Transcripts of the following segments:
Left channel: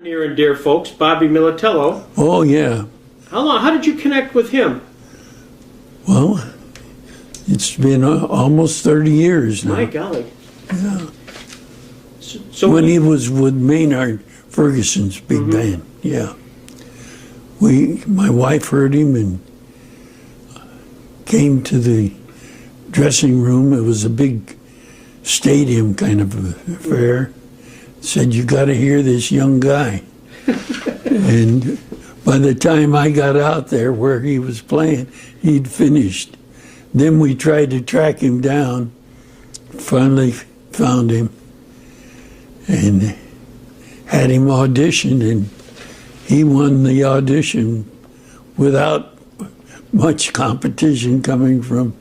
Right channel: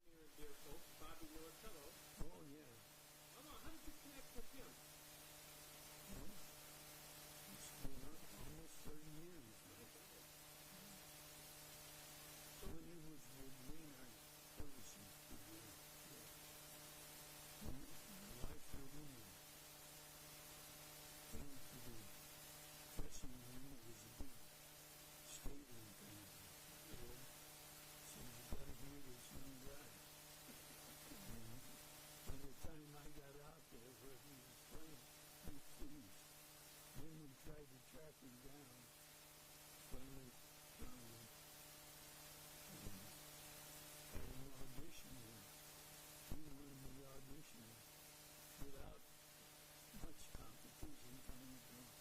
Near and dear folks, Bobby Militello. Oh, yeah. How did you connect with him? Well, it's been almost 30 years now. My golly. Yeah. So When he was with Maynard Ferguson's big band, yeah. My wife heard him and came to the dressing room. It was a big stadium kind of affair. Said, "You got to hear this young guy." And by the time I got out there where he was playing, he'd finished. Then we tried to track him down, finally found him, and had him audition, and he won the audition without much competition coming from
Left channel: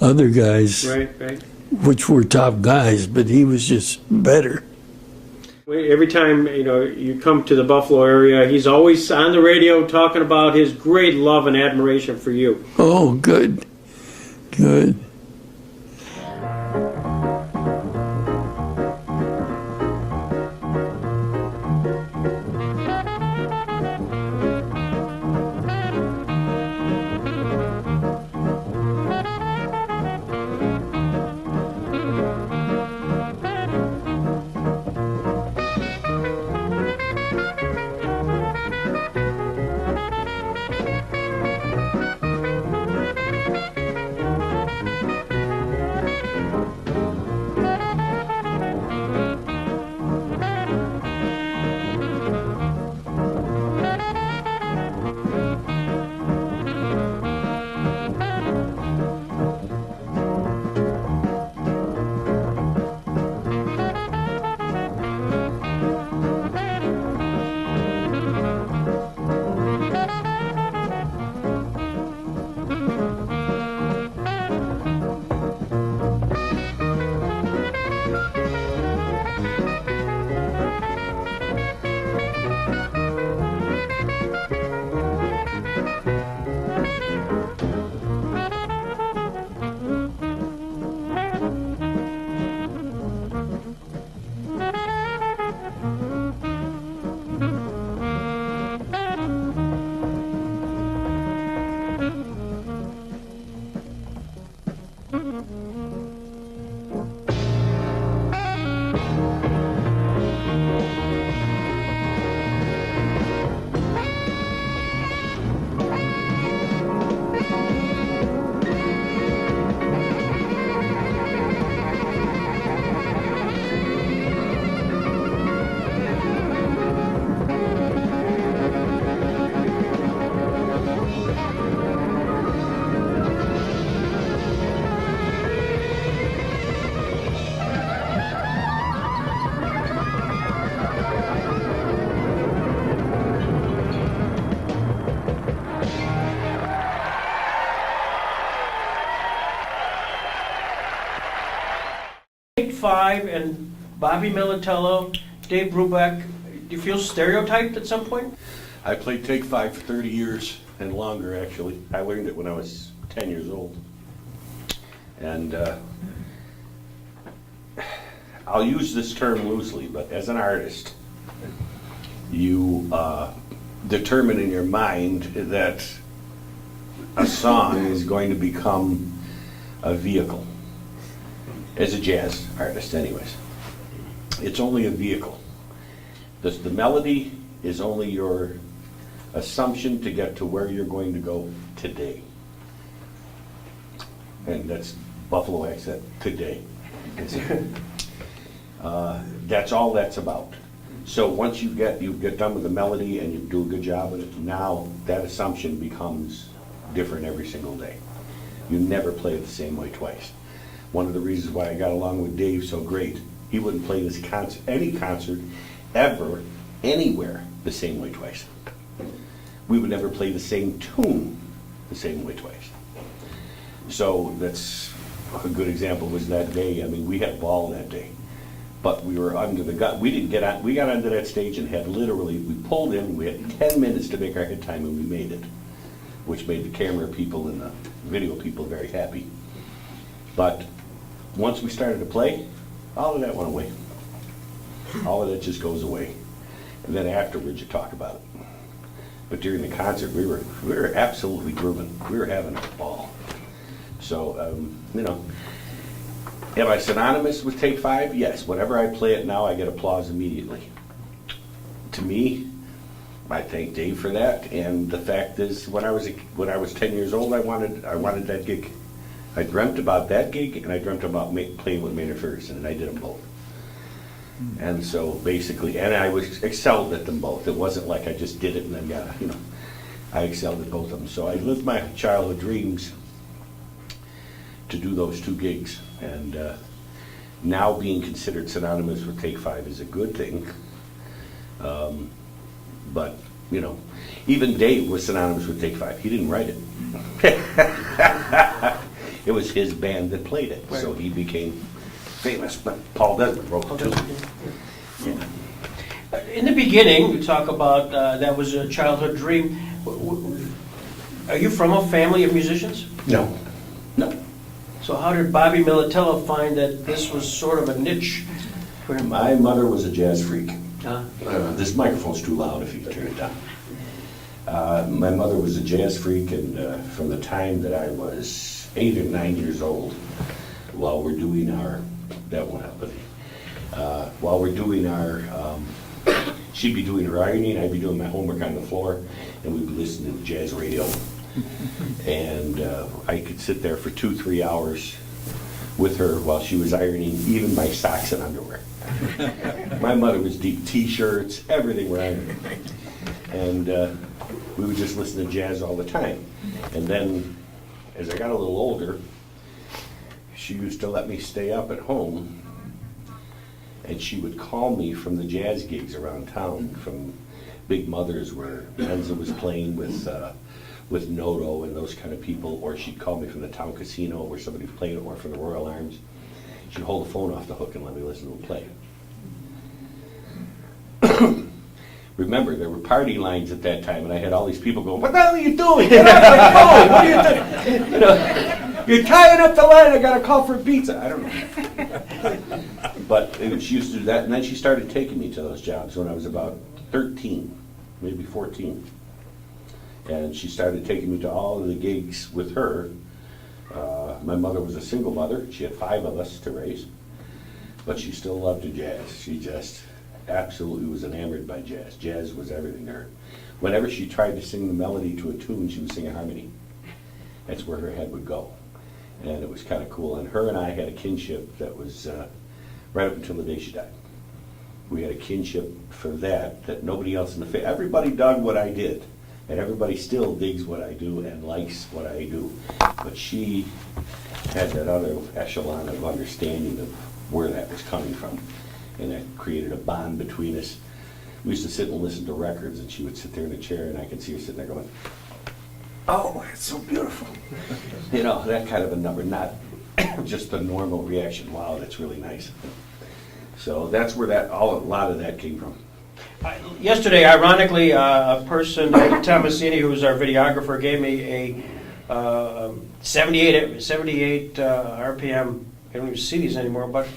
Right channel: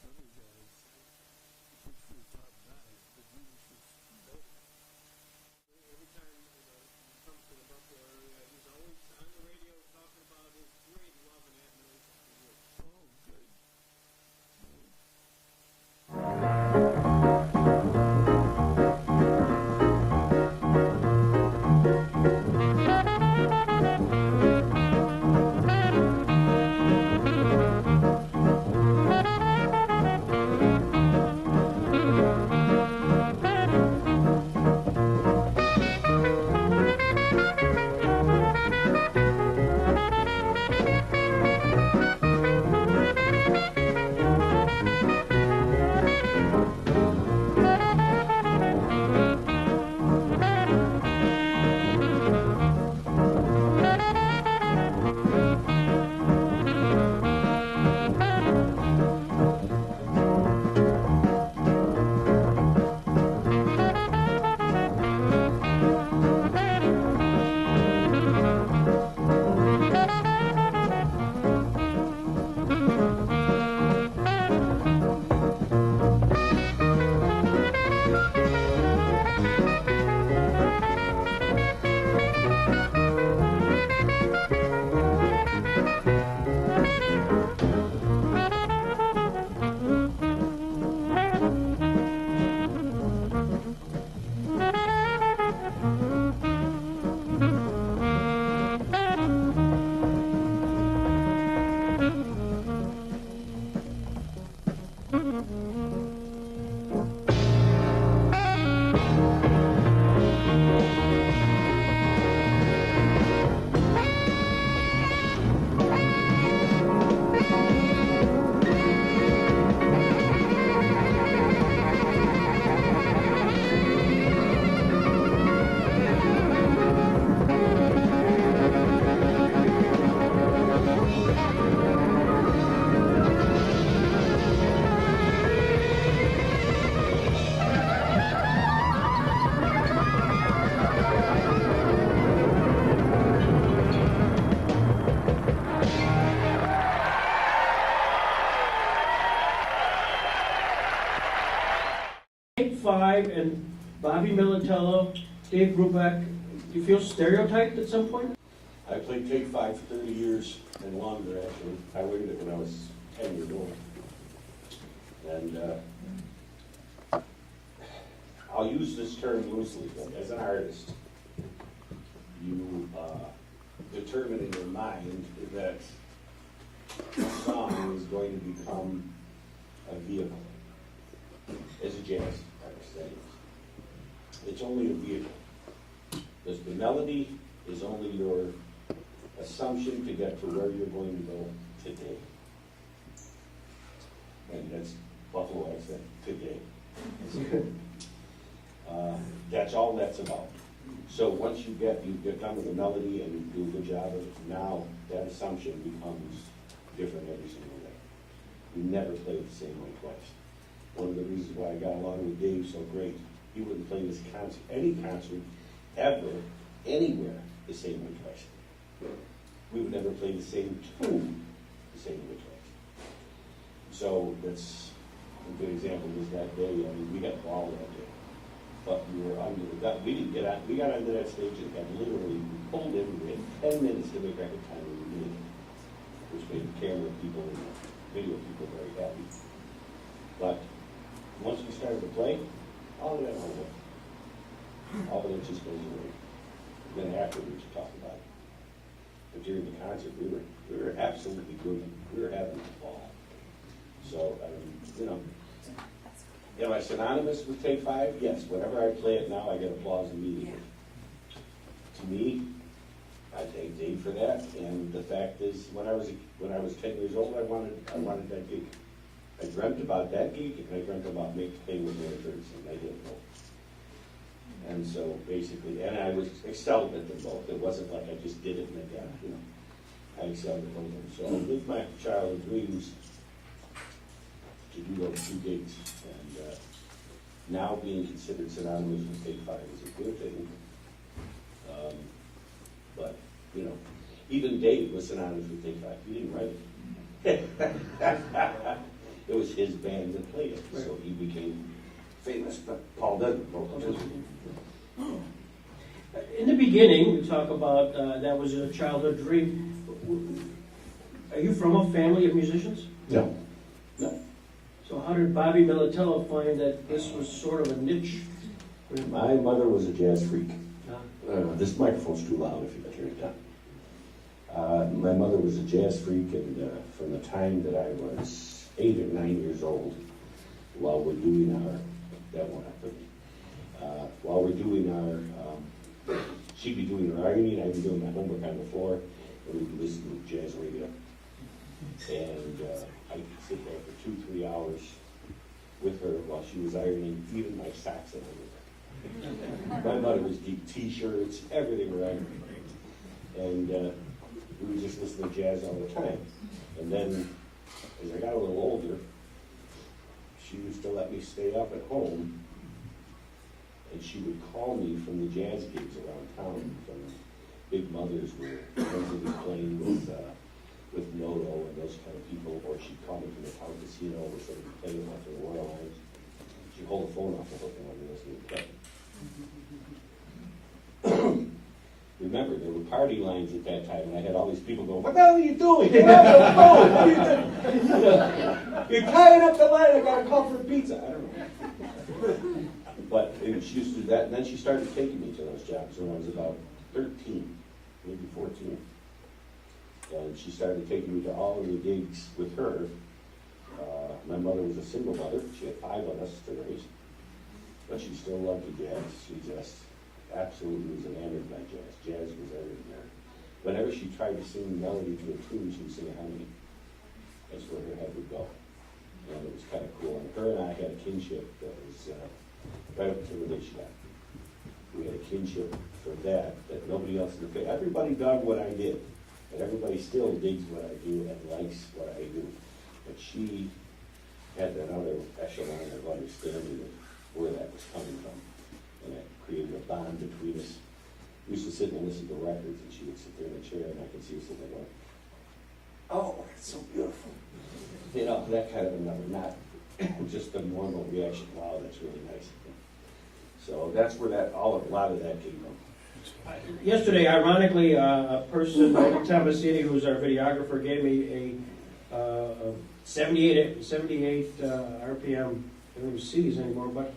other guys, right. which were top guys, but he was just better. Every time you come to the Buffalo area, he's always on the radio talking about his great love and admiration for you. Oh, good. Good. Five and Bobby Militello, Dave Brubeck. Do you feel stereotyped at some point? I played Take 5 for 30 years and longer, actually. I learned it when I was 10 years old. And I'll use this term loosely, but as an artist, you determine in your mind that a song is going to become a vehicle. As a jazz artist, anyways. It's only a vehicle. The melody is only your assumption to get to where you're going to go today. And that's Buffalo accent, today. That's all that's about. So once you get done with the melody and you do a good job with it, now that assumption becomes different every single day. You never play it the same way twice. One of the reasons why I got along with Dave so great, he wouldn't play this concert, any concert, ever, anywhere, the same way twice. We would never play the same tune the same way twice. So that's a good example was that day. I mean, we had a ball that day, but we were under the gun. We didn't get out. We got onto that stage and had literally, we pulled in, we had 10 minutes to make our hit time and we made it, which made the camera people and the video people very happy. But once we started to play, all of that went away. All of that just goes away. And then afterwards you talk about it. But during the concert, we were absolutely grooving. We were having a ball. So, you know, am I synonymous with Take 5? Yes. Whenever I play it now, I get applause immediately. To me, I thank Dave for that. And the fact is, when I was 10 years old, I wanted that gig. I dreamt about that gig, and I dreamt about playing with Maynard Ferguson, and I did them both. And so basically, and I was excelled at them both. It wasn't like I just did it and then got, you know, I excelled at both of them. So I lived my childhood dreams to do those two gigs. And now being considered synonymous with Take 5 is a good thing. But, you know, even Dave was synonymous with Take 5. He didn't write it. It was his band that played it, so he became famous. But Paul Desmond wrote it too. Yeah. In the beginning, we talk about that was a childhood dream. Are you from a family of musicians? No, no. So how did Bobby Militello find that this was sort of a niche for him? My mother was a jazz freak. Huh? This microphone's too loud if you can turn it down. My mother was a jazz freak, and from the time that I was 8 or 9 years old, while we're doing our, that won't happen. While we're doing our, she'd be doing her ironing, I'd be doing my homework on the floor, and we'd be listening to jazz radio. And I could sit there for 2-3 hours with her while she was ironing even my socks and underwear. My mother was deep t-shirts, everything were ironing. And we would just listen to jazz all the time. And then, as I got a little older, she used to let me stay up at home, and she would call me from the jazz gigs around town, from Big Mothers where Enza was playing with Noto and those kind of people, or she'd call me from the town casino where somebody was playing, or from the Royal Arms. She'd hold the phone off the hook and let me listen to them play. Remember, there were party lines at that time, and I had all these people going, "What the hell are you doing? Get out of my phone! What are you doing? You know, you're tying up the line, I got to call for a pizza." I don't know. But she used to do that, and then she started taking me to those jobs when I was about 13, maybe 14. And she started taking me to all of the gigs with her. My mother was a single mother. She had 5 of us to raise. But she still loved the jazz. She just absolutely was enamored by jazz. Jazz was everything there. Whenever she tried to sing the melody to a tune, she would sing a harmony. That's where her head would go. And it was kind of cool. And her and I had a kinship that was right up until the day she died. We had a kinship for that nobody else in the family, everybody dug what I did. And everybody still digs what I do and likes what I do. But she had that other echelon of understanding of where that was coming from. And that created a bond between us. We used to sit and listen to records, and she would sit there in a chair, and I could see her sitting there going, "Oh, it's so beautiful." You know, that kind of a number, not just the normal reaction, "Wow, that's really nice." So that's where a lot of that came from. Yesterday, ironically, a person, Thomasini, who was our videographer, gave me a 78 RPM, I don't even see these anymore, but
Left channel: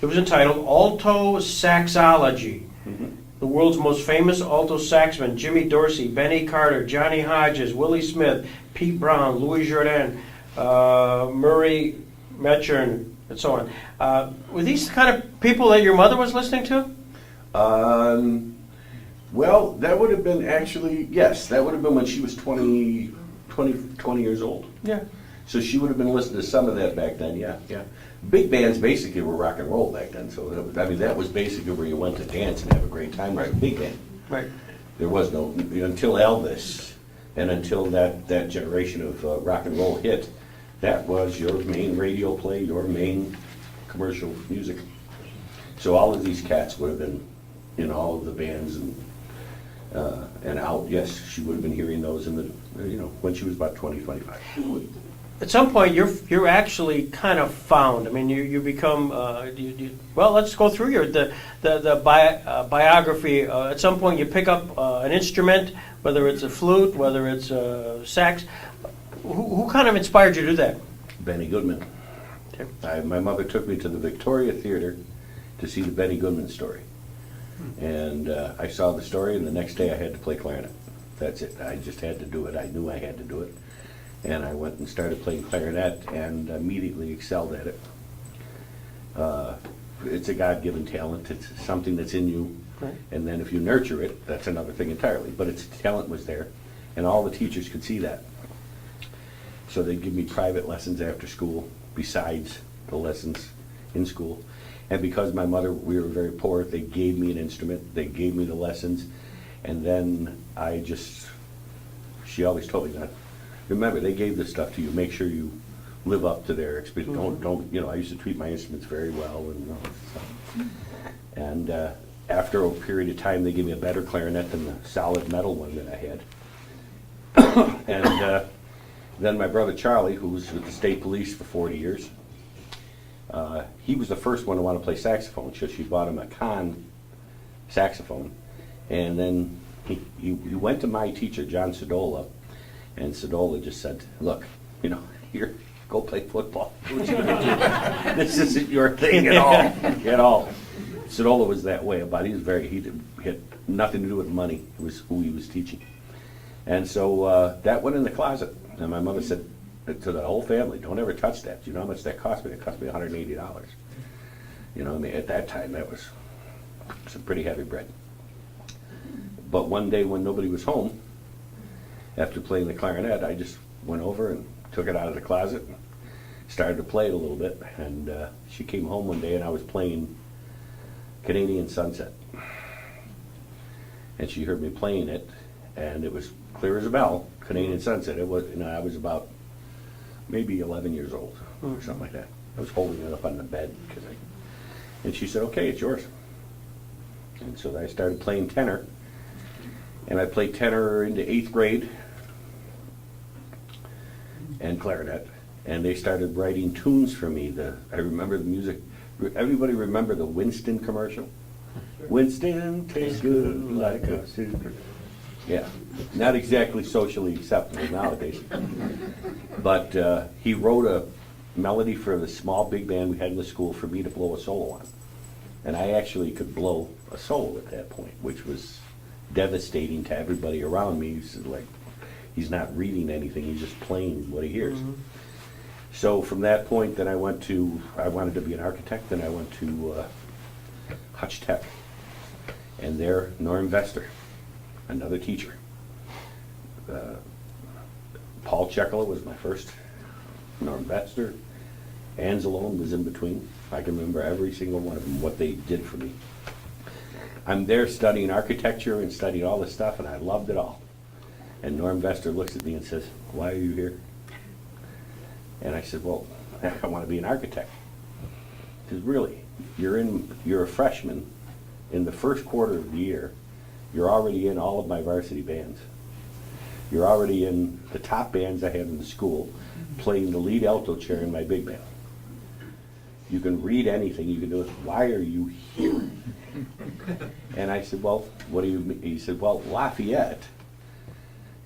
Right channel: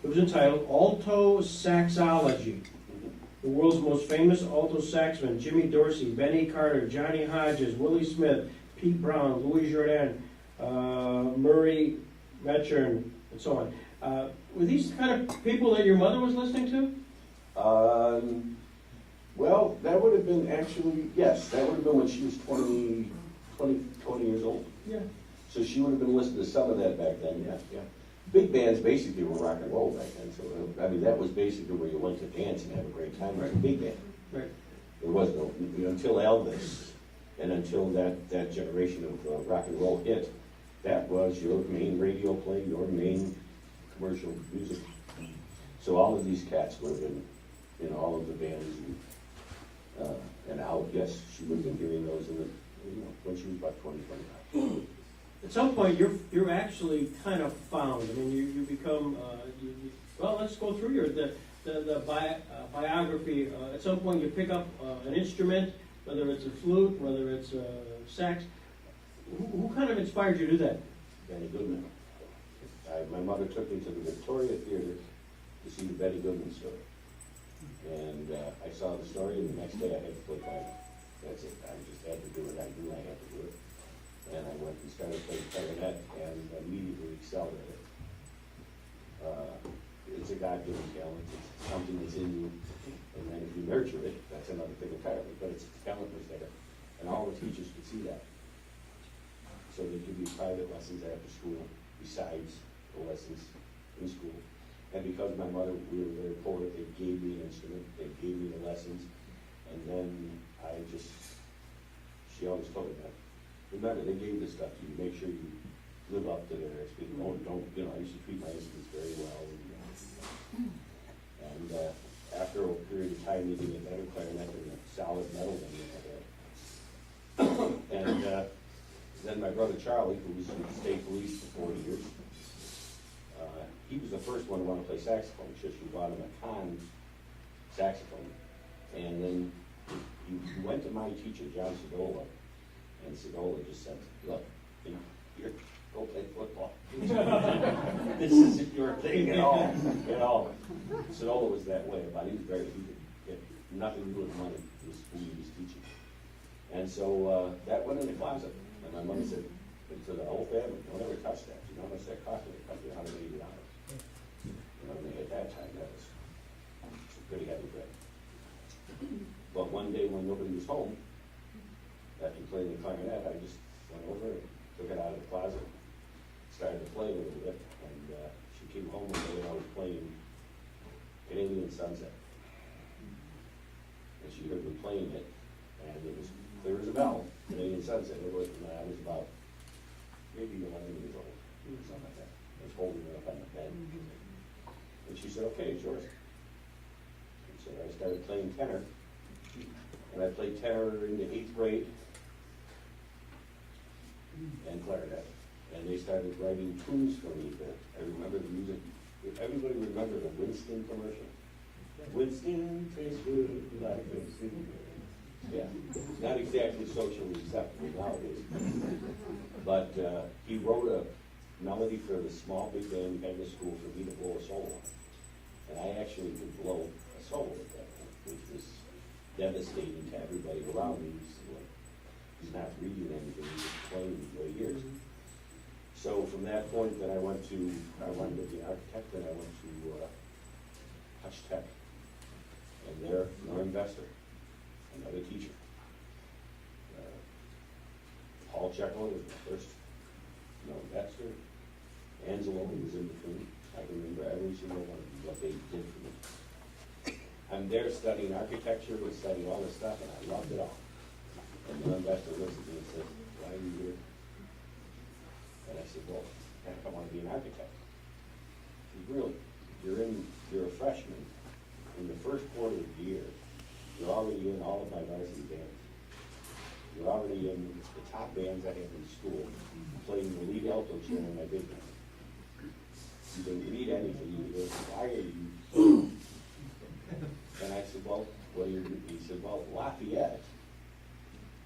it was entitled Alto Saxology. Mm-hmm. The world's most famous alto saxmen, Jimmy Dorsey, Benny Carter, Johnny Hodges, Willie Smith, Pete Brown, Louis Jordan, Murray Metchern, and so on. Were these the kind of people that your mother was listening to? Well, that would have been actually, yes, that would have been when she was 20 years old. Yeah. So she would have been listening to some of that back then, yeah. Big bands basically were rock and roll back then, so that was basically where you went to dance and have a great time, right? Big band. Right. There was no, until Elvis and until that generation of rock and roll hit, that was your main radio play, your main commercial music. So all of these cats would have been in all of the bands and out. Yes, she would have been hearing those in the, when she was about 20, 25. At some point, you're actually kind of found. I mean, you become. Well, let's go through the biography. At some point, you pick up an instrument, whether it's a flute, whether it's a sax. Who kind of inspired you to do that? Benny Goodman. Okay. My mother took me to the Victoria Theater to see the Benny Goodman story. And I saw the story, and the next day I had to play clarinet. That's it. I just had to do it. I knew I had to do it. And I went and started playing clarinet and immediately excelled at it. It's a God-given talent. It's something that's in you. Right. And then if you nurture it, that's another thing entirely. But its talent was there, and all the teachers could see that. So they'd give me private lessons after school, besides the lessons in school. And because my mother, we were very poor, they gave me an instrument, they gave me the lessons, and then she always told me that, remember, they gave this stuff to you, make sure you live up to their expectations. Don't, I used to treat my instruments very well and all this stuff. And after a period of time, they gave me a better clarinet than the solid metal one that I had. And then my brother Charlie, who was with the state police for 40 years, he was the first one to want to play saxophone, so she bought him a con saxophone. And then he went to my teacher, John Sedola, and Sedola just said, look, here, go play football. This isn't your thing at all. Sedola was that way about it. He had nothing to do with money. It was who he was teaching. And so that went in the closet. And my mother said to the whole family, don't ever touch that. You know how much that cost me? It cost me $180. At that time, that was some pretty heavy bread. But one day when nobody was home, after playing the clarinet, I just went over and took it out of the closet and started to play it a little bit. And she came home one day and I was playing Canadian Sunset. And she heard me playing it, and it was clear as a bell, Canadian Sunset. It was, I was about maybe 11 years old or something like that. I was holding it up on the bed and she said, okay, it's yours. And so I started playing tenor, and I played tenor into 8th grade and clarinet, and they started writing tunes for me. I remember the music. Everybody remember the Winston commercial? Winston tastes good like a super. Yeah, not exactly socially acceptable nowadays. But he wrote a melody for the small big band we had in the school for me to blow a solo on. And I actually could blow a solo at that point, which was devastating to everybody around me. He's not reading anything, he's just playing what he hears. Mm-hmm. So from that point, then I wanted to be an architect, and I went to Schtick. And there, Norm Vester, another teacher. Paul Chekala was my first. Norm Vester. Anzalone was in between. I can remember every single one of them, what they did for me. I'm there studying architecture and studying all this stuff, and I loved it all. And Norm Vester looks at me and says, why are you here? And I said, well, I want to be an architect. He says, really? You're a freshman. In the first quarter of the year, you're already in all of my varsity bands. You're already in the top bands I had in the school, playing the lead alto chair in my big band. You can read anything, you can do it. Why are you here? And I said, well, what do you mean? He said, well, Lafayette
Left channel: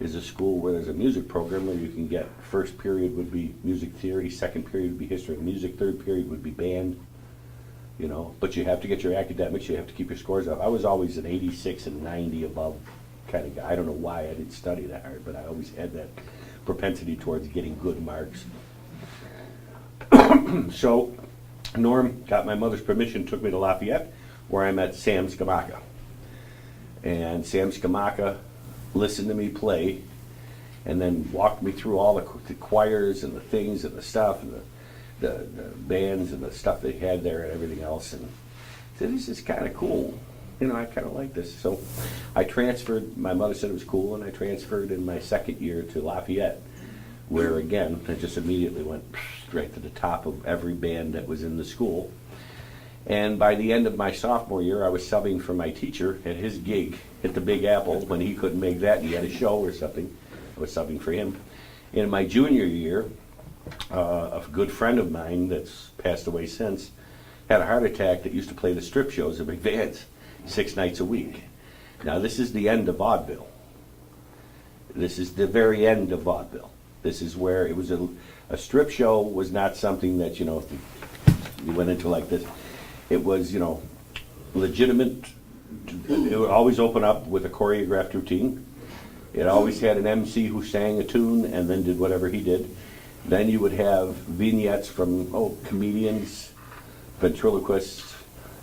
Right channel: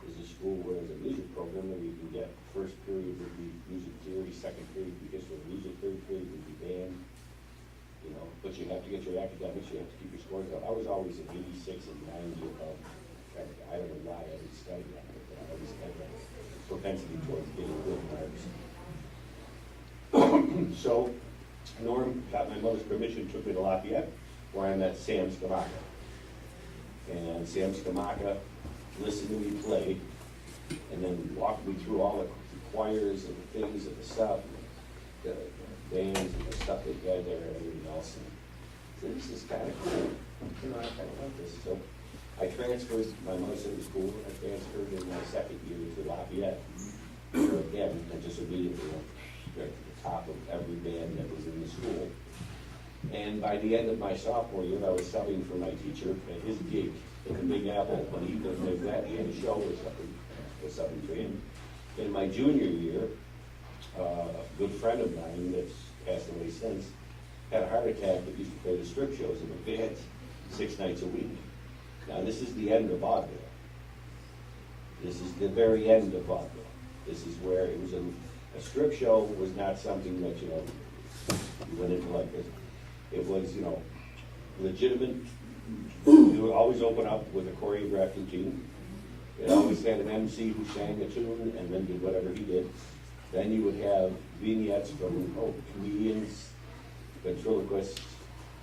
is a school where there's a music program where you can get, first period would be music theory, second period would be history of music, third period would be band, but you have to get your academics, you have to keep your scores up. I was always an 86 and 90 above kind of guy. I don't know why I didn't study that hard, but I always had that propensity towards getting good marks. So Norm got my mother's permission, took me to Lafayette, where I met Sam Skamaka. And Sam Skamaka listened to me play, and then walked me through all the choirs and the things and the stuff and the bands and the stuff they had there and everything else, and said, this is kind of cool. I kind of like this. So I transferred, my mother said it was cool, and I transferred in my second year to Lafayette, where again, I just immediately went straight to the top of every band that was in the school. And by the end of my sophomore year, I was subbing for my teacher at his gig at the Big Apple when he couldn't make that, and he had a show or something. I was subbing for him. In my junior year, a good friend of mine that's passed away since had a heart attack that used to play the strip shows at McVance 6 nights a week. Now this is the end of vaudeville. This is the very end of vaudeville. This is where it was a strip show was not something that, you went into like this. It was, legitimate it would always open up with a choreographed routine. It always had an MC who sang a tune and then did whatever he did. Then you would have vignettes from comedians, ventriloquists.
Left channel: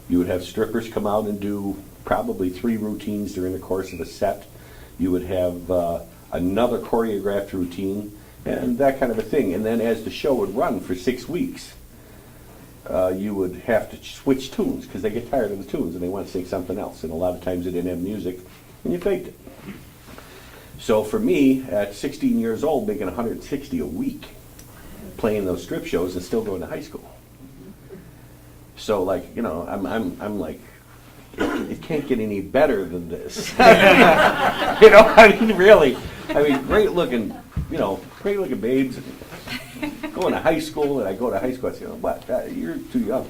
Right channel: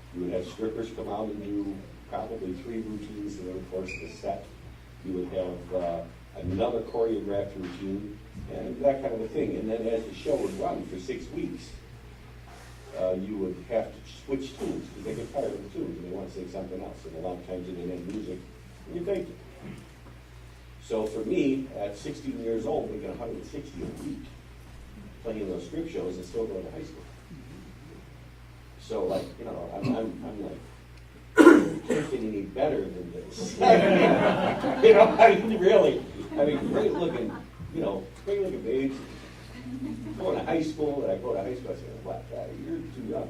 You would have strippers come out and do probably 3 routines during the course of a set. You would have another choreographed routine and that kind of a thing. And then as the show would run for 6 weeks, you would have to switch tunes because they get tired of the tunes and they want to sing something else. And a lot of times they didn't have music and you faked it. So for me, at 16 years old, making 160 a week, playing those strip shows and still going to high school. So like, I'm like, it can't get any better than this. Really. Great looking babes. Going to high school, and I go to high school, I say, what, you're too young.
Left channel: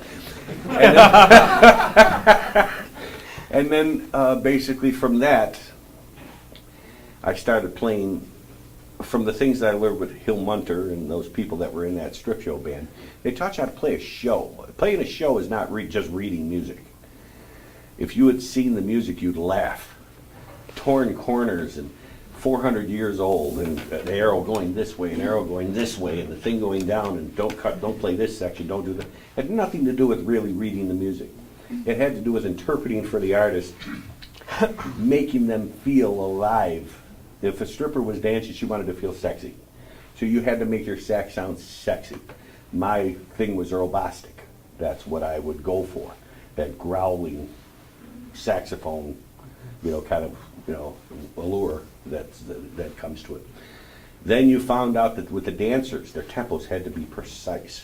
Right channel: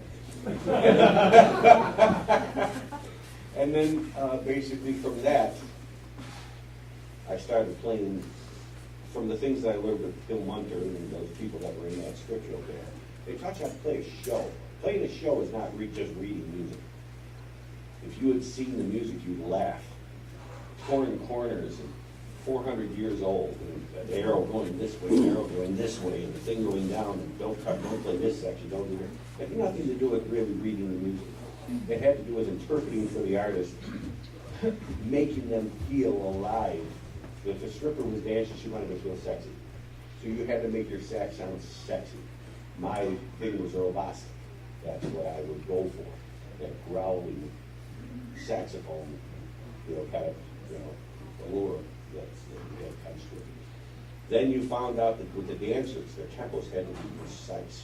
And then basically from that, I started playing from the things that I learned with Hill Munter and those people that were in that strip show band. They taught you how to play a show. Playing a show is not just reading music. If you had seen the music, you'd laugh. Torn corners and 400 years old, and an arrow going this way, an arrow going this way, and the thing going down, and don't play this section, don't do that. It had nothing to do with really reading the music. It had to do with interpreting for the artist, making them feel alive. If a stripper was dancing, she wanted to feel sexy. So you had to make your sax sound sexy. My thing was robastic. That's what I would go for. That growling saxophone, allure that comes to it. Then you found out that with the dancers, their tempos had to be precise.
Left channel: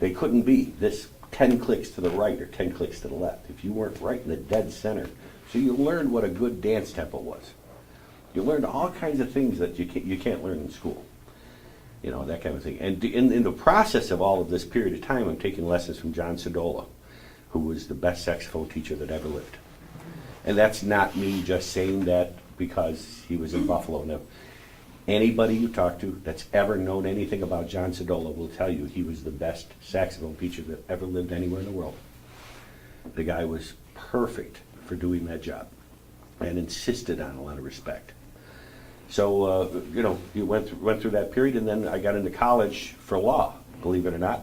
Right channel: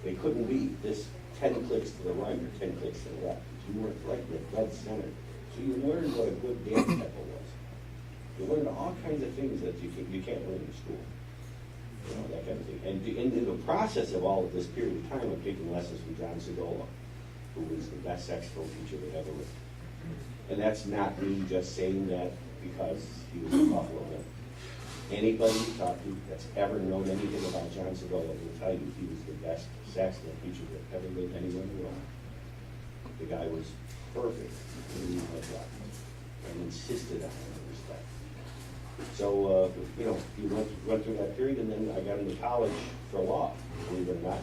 They couldn't be this 10 clicks to the right or 10 clicks to the left. If you weren't right in the dead center. So you learned what a good dance tempo was. You learned all kinds of things that you can't learn in school. That kind of thing. And in the process of all of this period of time, I'm taking lessons from John Sodola, who was the best saxophone teacher that ever lived. And that's not me just saying that because he was in Buffalo. No. Anybody you talk to that's ever known anything about John Sodola will tell you he was the best saxophone teacher that ever lived anywhere in the world. The guy was perfect for doing that job and insisted on a lot of respect. So, you went through that period, and then I got into college for law, believe it or not.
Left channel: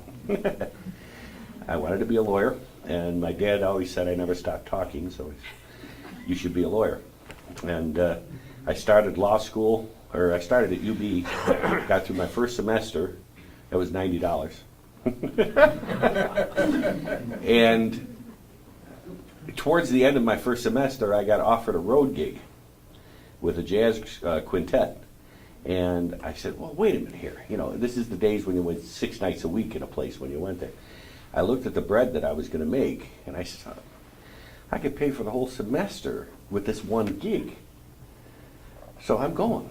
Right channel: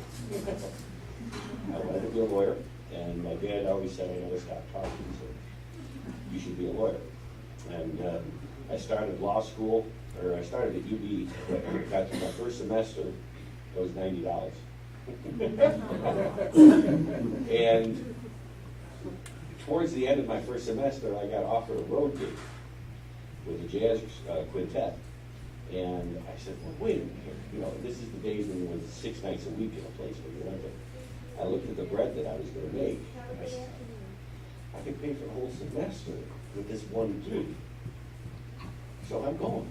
I wanted to be a lawyer, and my dad always said I never stopped talking, so you should be a lawyer. And I started law school, or I started at UB, got through my first semester, it was $90. And towards the end of my first semester, I got offered a road gig with a jazz quintet. And I said, well, wait a minute here. This is the days when you went 6 nights a week in a place when you went there. I looked at the bread that I was going to make, and I said, I could pay for the whole semester with this one gig. So I'm going.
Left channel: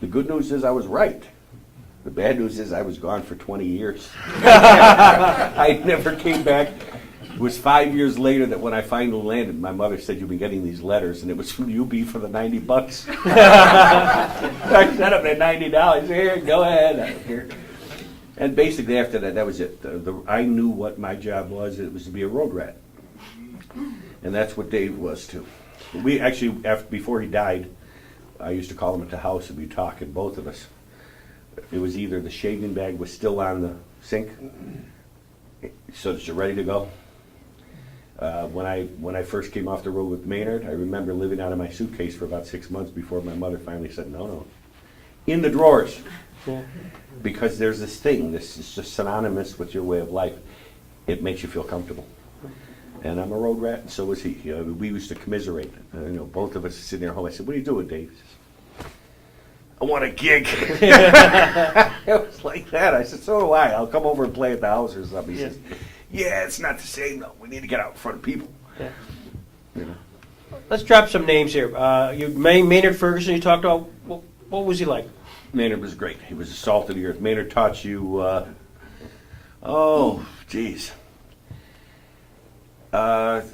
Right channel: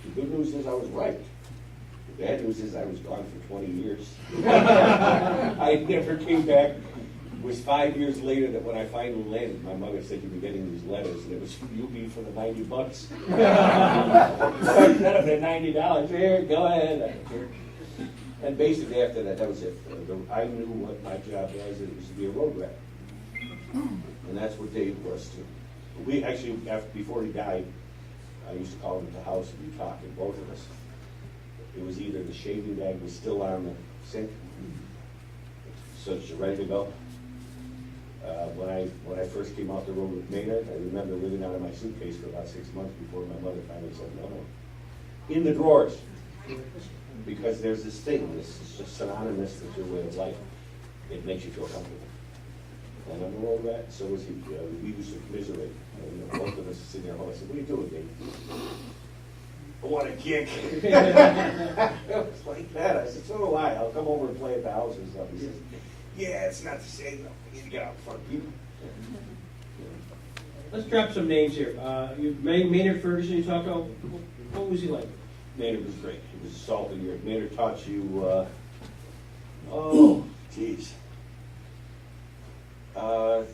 The good news is I was right. The bad news is I was gone for 20 years. I never came back. It was 5 years later that when I finally landed, my mother said, you'll be getting these letters, and it was from UB for the $90. I sent them at $90. Here, go ahead. Here. And basically after that, that was it. I knew what my job was. It was to be a road rat. And that's what Dave was too. We actually, before he died, I used to call him at the house and we'd talk, and both of us. It was either the shaving bag was still on the sink, so that you're ready to go. When I first came off the road with Maynard, I remember living out of my suitcase for about 6 months before my mother finally said, no, in the drawers. Yeah. Because there's this thing, this is just synonymous with your way of life. It makes you feel comfortable. And I'm a road rat, and so was he. We used to commiserate. Both of us sitting there at home. I said, what are you doing, Dave? I want a gig. It was like that. I said, so do I. I'll come over and play at the house or something. He says, yeah, it's not the same, though. We need to get out in front of people. Yeah. Let's drop some names here. Maynard Ferguson, you talked about. What was he like? Maynard was great. He was a salt of the earth. Maynard taught you, geez. Well,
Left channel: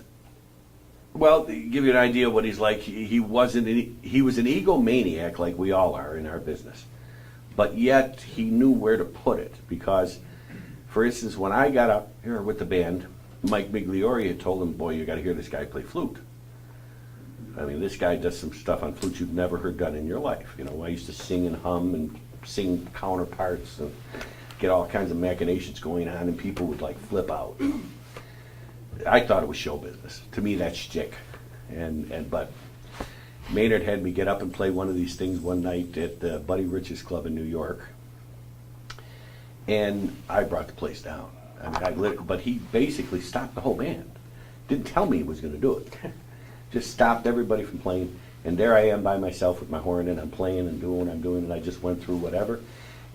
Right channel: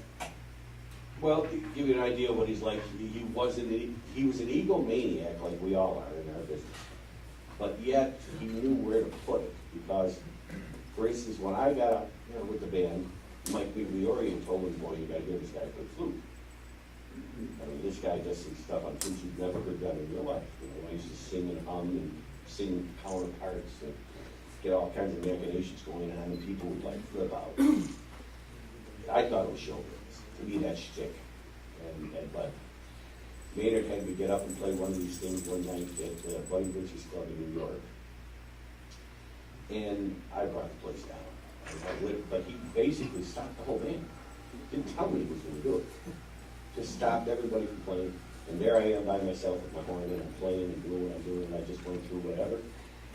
to give you an idea of what he's like, he was an egomaniac like we all are in our business. But yet, he knew where to put it. Because, for instance, when I got up here with the band, Mike Migliori had told him, boy, you gotta hear this guy play flute. I mean, this guy does some stuff on flute you've never heard done in your life. You know, I used to sing and hum and sing counterparts and get all kinds of machinations going on, and people would like flip out. I thought it was show business. To me, that's shtick. But Maynard had me get up and play one of these things one night at Buddy Rich's Club in New York, and I brought the place down. But he basically stopped the whole band. Didn't tell me he was going to do it. Just stopped everybody from playing, and there I am by myself with my horn, and I'm playing and doing what I'm doing, and I just went through whatever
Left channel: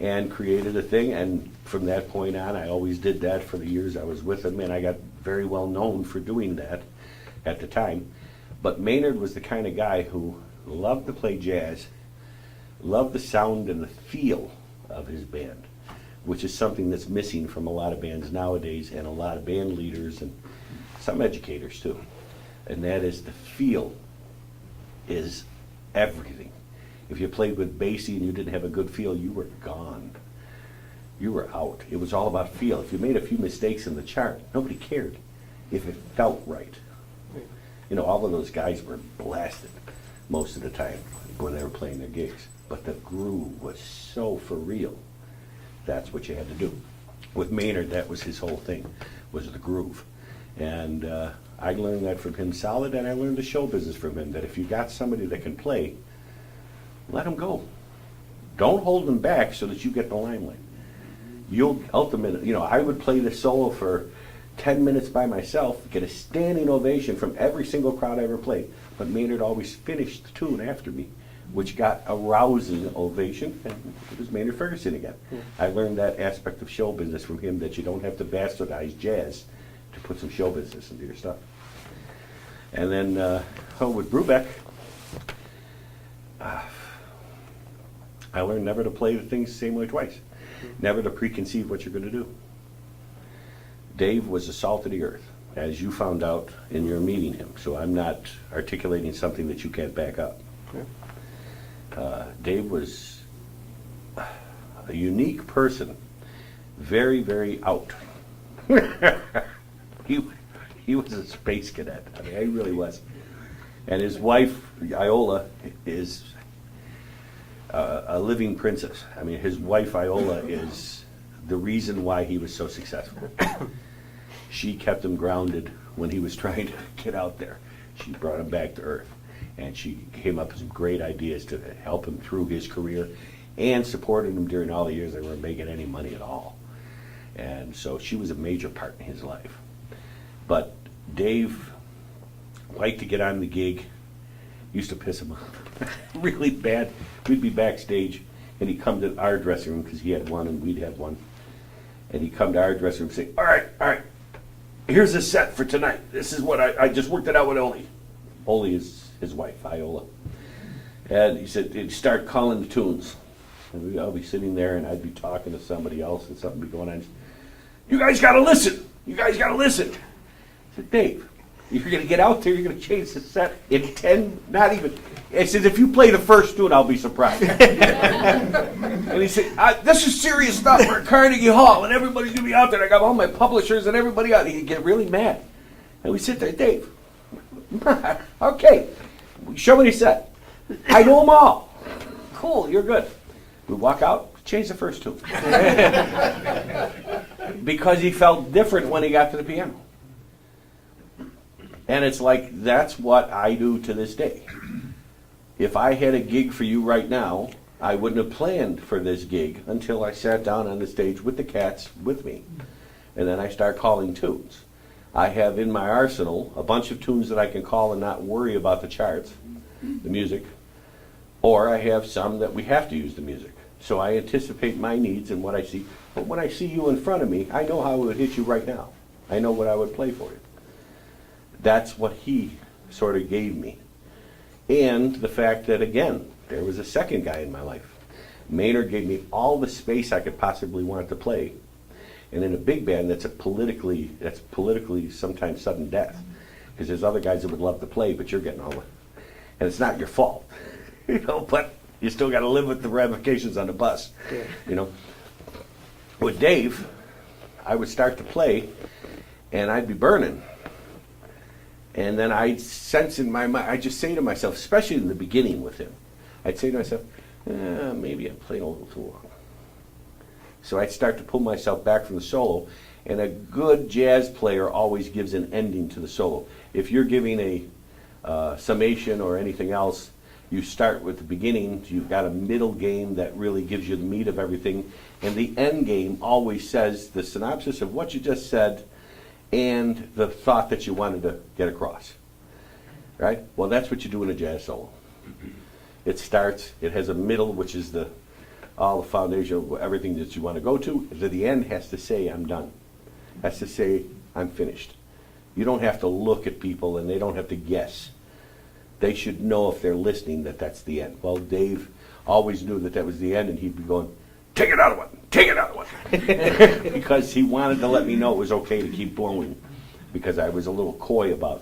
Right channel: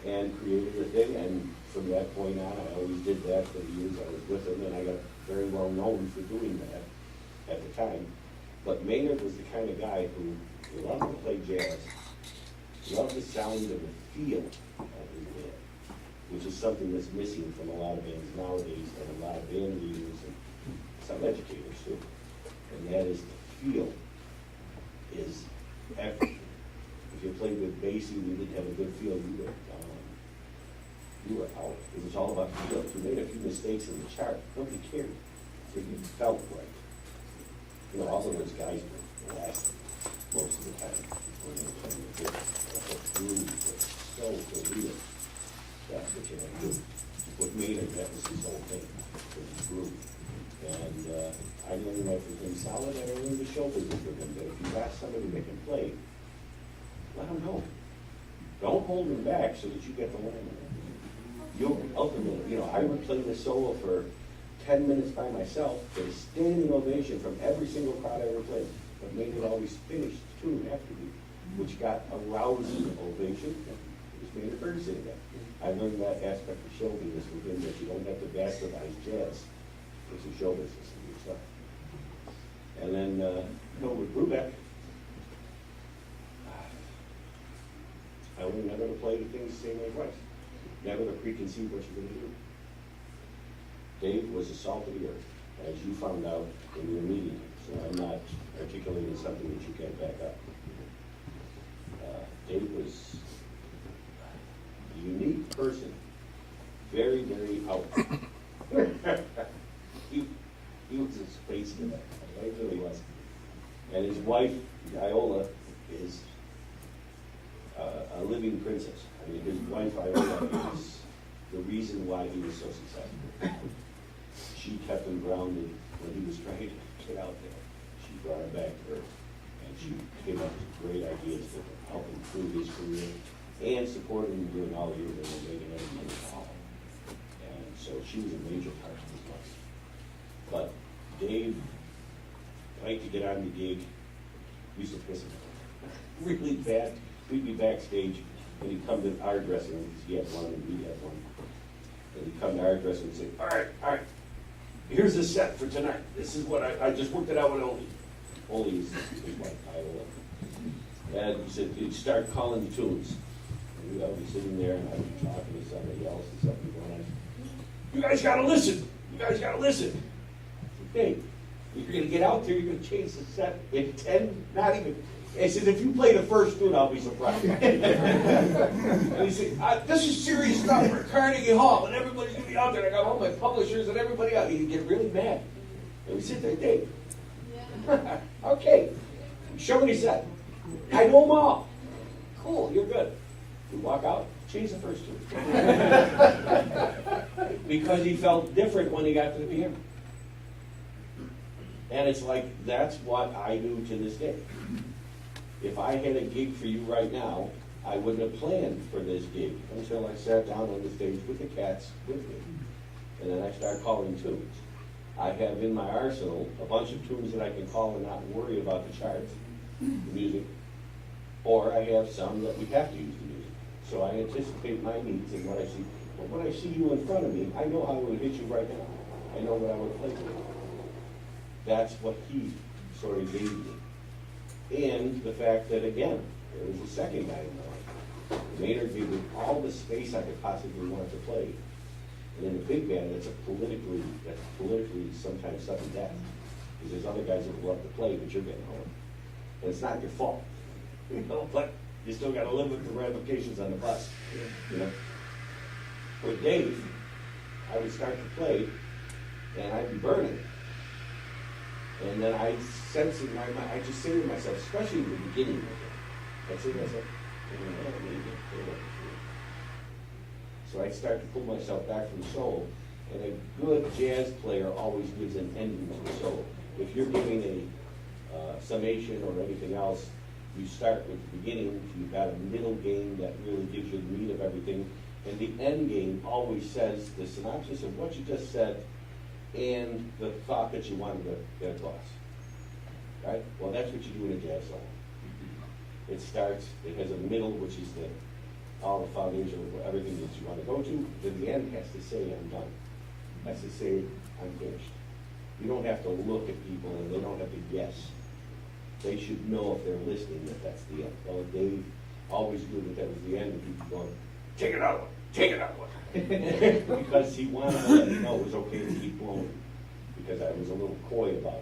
and created a thing. And from that point on, I always did that for the years I was with him, and I got very well known for doing that at the time. But Maynard was the kind of guy who loved to play jazz, loved the sound and the feel of his band, which is something that's missing from a lot of bands nowadays, and a lot of band leaders and some educators too. And that is, the feel is everything. If you played with Basie and you didn't have a good feel, you were gone. You were out. It was all about feel. If you made a few mistakes in the chart, nobody cared if it felt right. You know, all of those guys were blasted most of the time when they were playing their gigs. But the groove was so for real. That's what you had to do. With Maynard, that was his whole thing, was the groove. And I learned that from him solid, and I learned the show business from him, that if you got somebody that can play, let them go. Don't hold them back so that you get the limelight. You'll ultimately, you know, I would play the solo for 10 minutes by myself, get a standing ovation from every single crowd I ever played. But Maynard always finished the tune after me, which got a rousing ovation, and it was Maynard Ferguson again. I learned that aspect of show business from him, that you don't have to bastardize jazz to put some show business into your stuff. And then with Brubeck, I learned never to play the things the same way twice, never to preconceive what you're going to do. Dave was the salt of the earth, as you found out in your meeting him, so I'm not articulating something that you can't back up. Dave was a unique person, very, very out. He was a space cadet. I mean, he really was. And his wife, Iola, is a living princess. I mean, his wife, Iola, is the reason why he was so successful. She kept him grounded when he was trying to get out there. She brought him back to earth, and she came up with some great ideas to help him through his career, and supported him during all the years they weren't making any money at all. And so she was a major part in his life. But Dave liked to get on the gig, used to piss him off really bad. We'd be backstage, and he'd come to our dressing room, because he had one and we'd have one. And he'd come to our dressing room and say, all right, here's a set for tonight. This is what I just worked it out with Oli. Oli is his wife, Iola. And he said, he'd start calling the tunes. And we'd all be sitting there, and I'd be talking to somebody else, and something would be going on. You guys gotta listen. You guys gotta listen. I said, Dave, you're gonna get out there, you're gonna change the set in 10, not even. He says, if you play the first tune, I'll be surprised. And he said, this is serious stuff. We're at Carnegie Hall, and everybody's gonna be out there. I got all my publishers and everybody out. He'd get really mad. And we sit there, Dave, okay, show me the set. I know them all. Cool, you're good. We walk out, change the first tune. Because he felt different when he got to the piano. And it's like, that's what I do to this day. If I had a gig for you right now, I wouldn't have planned for this gig until I sat down on the stage with the cats with me. And then I start calling tunes. I have in my arsenal a bunch of tunes that I can call and not worry about the charts, the music. Or I have some that we have to use the music. So I anticipate my needs and what I see. But when I see you in front of me, I know how it would hit you right now. I know what I would play for you. That's what he sort of gave me. And the fact that, again, there was a second guy in my life. Maynard gave me all the space I could possibly want to play. And in a big band, that's politically sometimes sudden death. Because there's other guys that would love to play, but you're getting all in. And it's not your fault. You know, but you still got to live with the ramifications on the bus. You know, with Dave, I would start to play, and I'd be burning. And then I'd sense in my mind, I'd just say to myself, especially in the beginning with him, I'd say to myself, maybe I'll play over to it. So I'd start to pull myself back from the solo, and a good jazz player always gives an ending to the solo. If you're giving a summation or anything else, you start with the beginning, you've got a middle game that really gives you the meat of everything, and the end game always says the synopsis of what you just said and the thought that you wanted to get across. Right? Well, that's what you do in a jazz solo. It starts, it has a middle, which is all the foundation of everything that you want to go to. The end has to say, I'm done. Has to say, I'm finished. You don't have to look at people, and they don't have to guess. They should know if they're listening that that's the end. Well, Dave always knew that that was the end, and he'd be going, take another one, take another one. Because he wanted to let me know it was okay to keep blowing, because I was a little coy about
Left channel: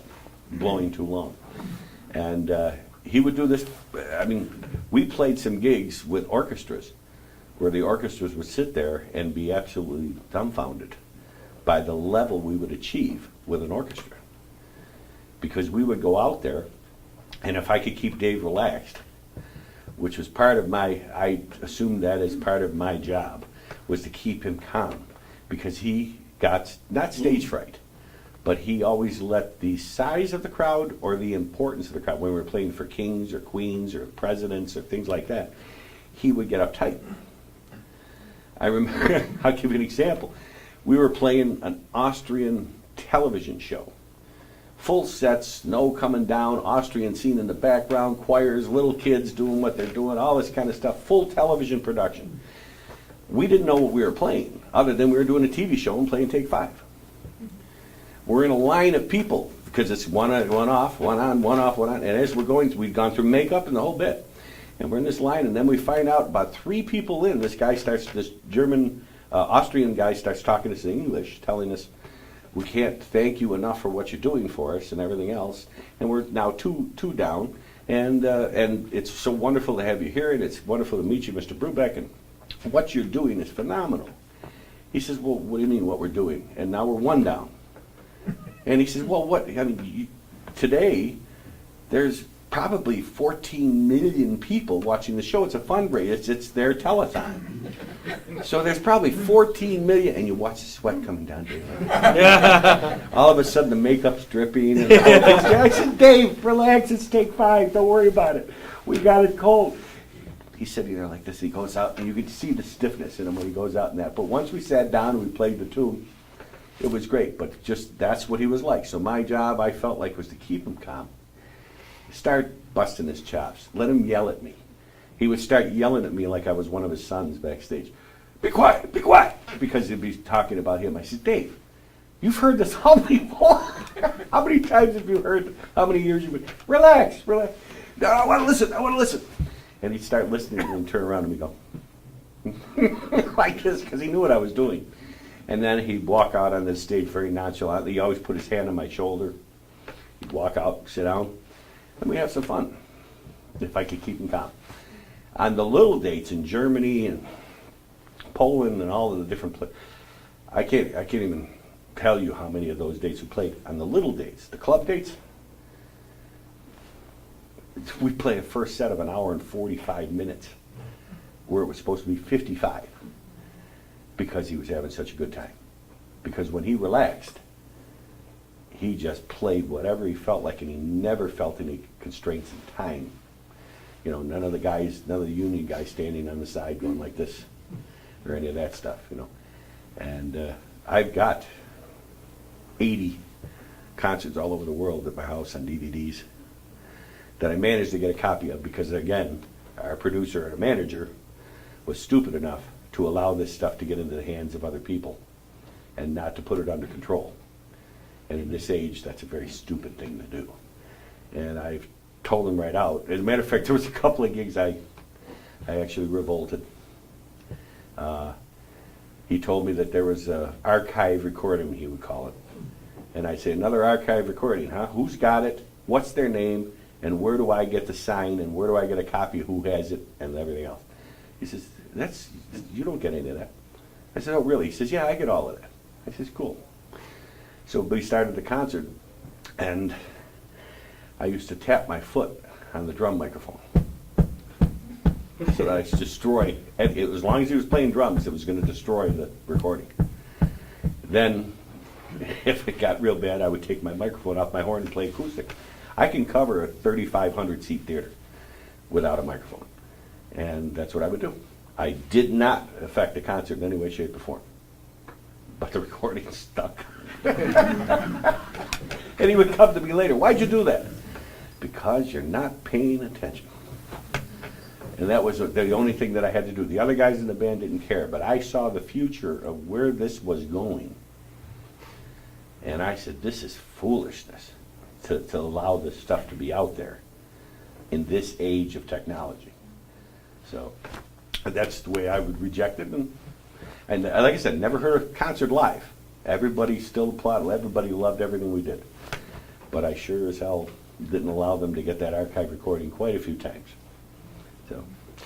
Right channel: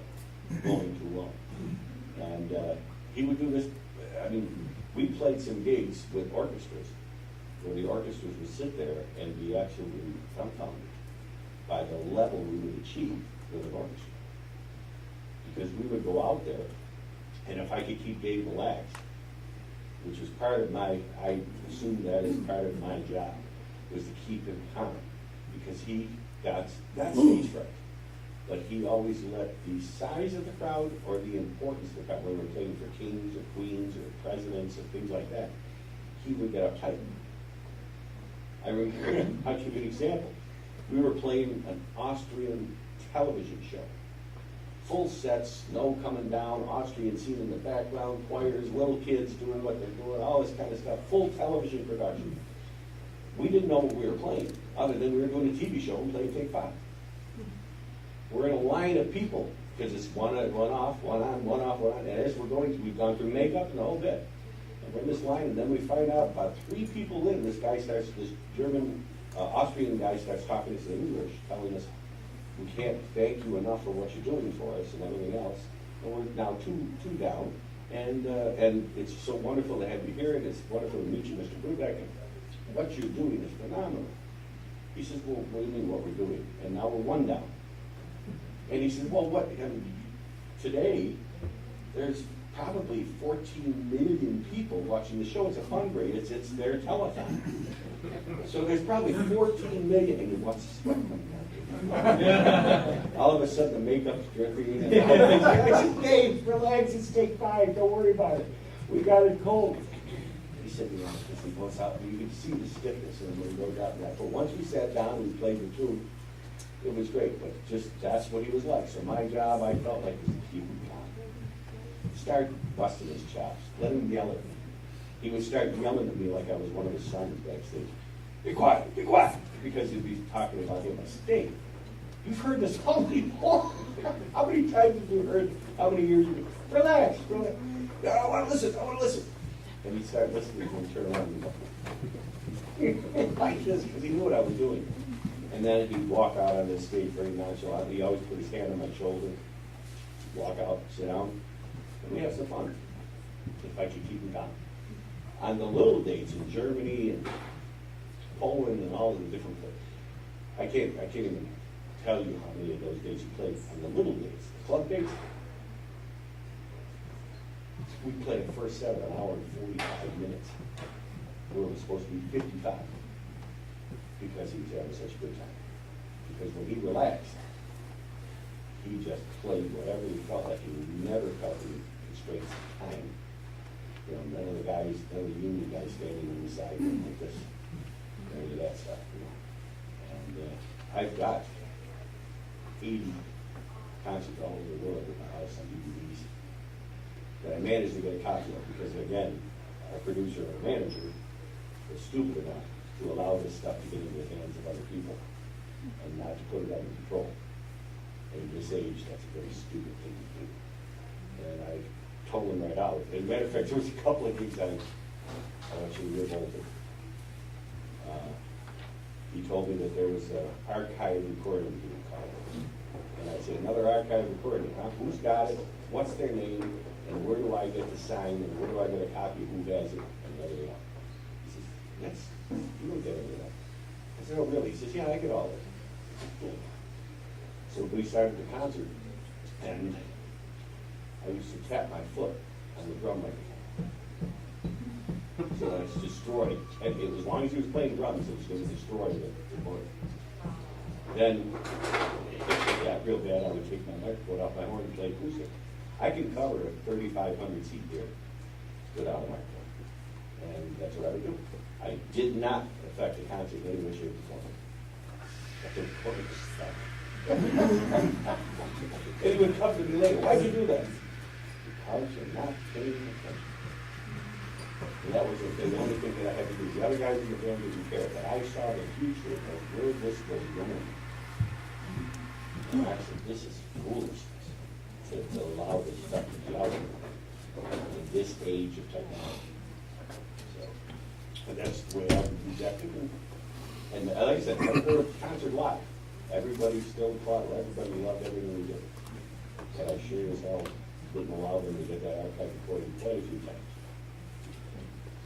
blowing too long. And he would do this. I mean, we played some gigs with orchestras where the orchestras would sit there and be absolutely dumbfounded by the level we would achieve with an orchestra. Because we would go out there, and if I could keep Dave relaxed, which was part of I assumed that as part of my job, was to keep him calm. Because he got, not stage fright, but he always let the size of the crowd or the importance of the crowd, when we were playing for kings or queens or presidents or things like that, he would get uptight. I remember, I'll give you an example. We were playing an Austrian television show. Full sets, snow coming down, Austrian scene in the background, choirs, little kids doing what they're doing, all this kind of stuff, full television production. We didn't know what we were playing, other than we were doing a TV show and playing Take 5. We're in a line of people, because it's one off, one on, one off, one on, and as we're going, we've gone through makeup and the whole bit. And we're in this line, and then we find out about 3 people in, this German, Austrian guy starts talking to us in English, telling us, we can't thank you enough for what you're doing for us and everything else. And we're now two down, and it's so wonderful to have you here, and it's wonderful to meet you, Mr. Brubeck, and what you're doing is phenomenal. He says, well, what do you mean what we're doing? And now we're 1 down. And he says, well, what? I mean, today, there's probably 14 million people watching the show. It's a fundraiser. It's their telethon. So there's probably 14 million, and you watch the sweat coming down. All of a sudden, the makeup's dripping. And I said, Dave, relax. It's Take 5. Don't worry about it. We got it cold. He said, like this. He goes out, and you can see the stiffness in him when he goes out and that. But once we sat down and we played the tune, it was great. But just that's what he was like. So my job, I felt like, was to keep him calm. Start busting his chops. Let him yell at me. He would start yelling at me like I was one of his sons backstage. Be quiet, because he'd be talking about him. I said, Dave, you've heard this how many more? How many times have you heard? How many years you've been? Relax. No, I want to listen. And he'd start listening and he'd turn around and we'd go, like this, because he knew what I was doing. And then he'd walk out on the stage very nonchalantly. He always put his hand on my shoulder. He'd walk out, sit down, and we'd have some fun, if I could keep him calm. On the little dates in Germany and Poland and all of the different places, I can't even tell you how many of those dates we played. On the little dates, the club dates, we played a first set of 1 hour and 45 minutes, where it was supposed to be 55, because he was having such a good time. Because when he relaxed, he just played whatever he felt like, and he never felt any constraints of time. None of the union guys standing on the side going like this, or any of that stuff, And I've got 80 concerts all over the world at my house on DVDs that I managed to get a copy of, because, again, our producer and manager was stupid enough to allow this stuff to get into the hands of other people and not to put it under control. And in this age, that's a very stupid thing to do. And I told him right out. As a matter of fact, there was a couple of gigs I actually revolted. He told me that there was an archive recording, he would call it. And I said, another archive recording, huh? Who's got it? What's their name? And where do I get the sign? And where do I get a copy of who has it? And everything else. He says, you don't get any of that. I said, oh, really? He says, yeah, I get all of it. I says, cool. So we started the concert, and I used to tap my foot on the drum microphone. So that it's destroyed. And it, as long as he was playing drums, it was going to destroy the recording. Then, if it got real bad, I would take my microphone off my horn and play acoustic. I can cover a 3,500 seat theater without a microphone. And that's what I would do. I did not affect the concert in any way, shape, or form. But the recording was stuck. And he would come to me later, why'd you do that? Because you're not paying attention. And that was the only thing that I had to do. The other guys in the band didn't care, but I saw the future of where this was going. And I said, this is foolishness to allow this stuff to be out there in this age of technology. So that's the way I would reject it. And like I said, never heard a concert live. Everybody still applauded. Everybody loved everything we did. But I sure as hell didn't allow them to get that archive recording quite a few times. So,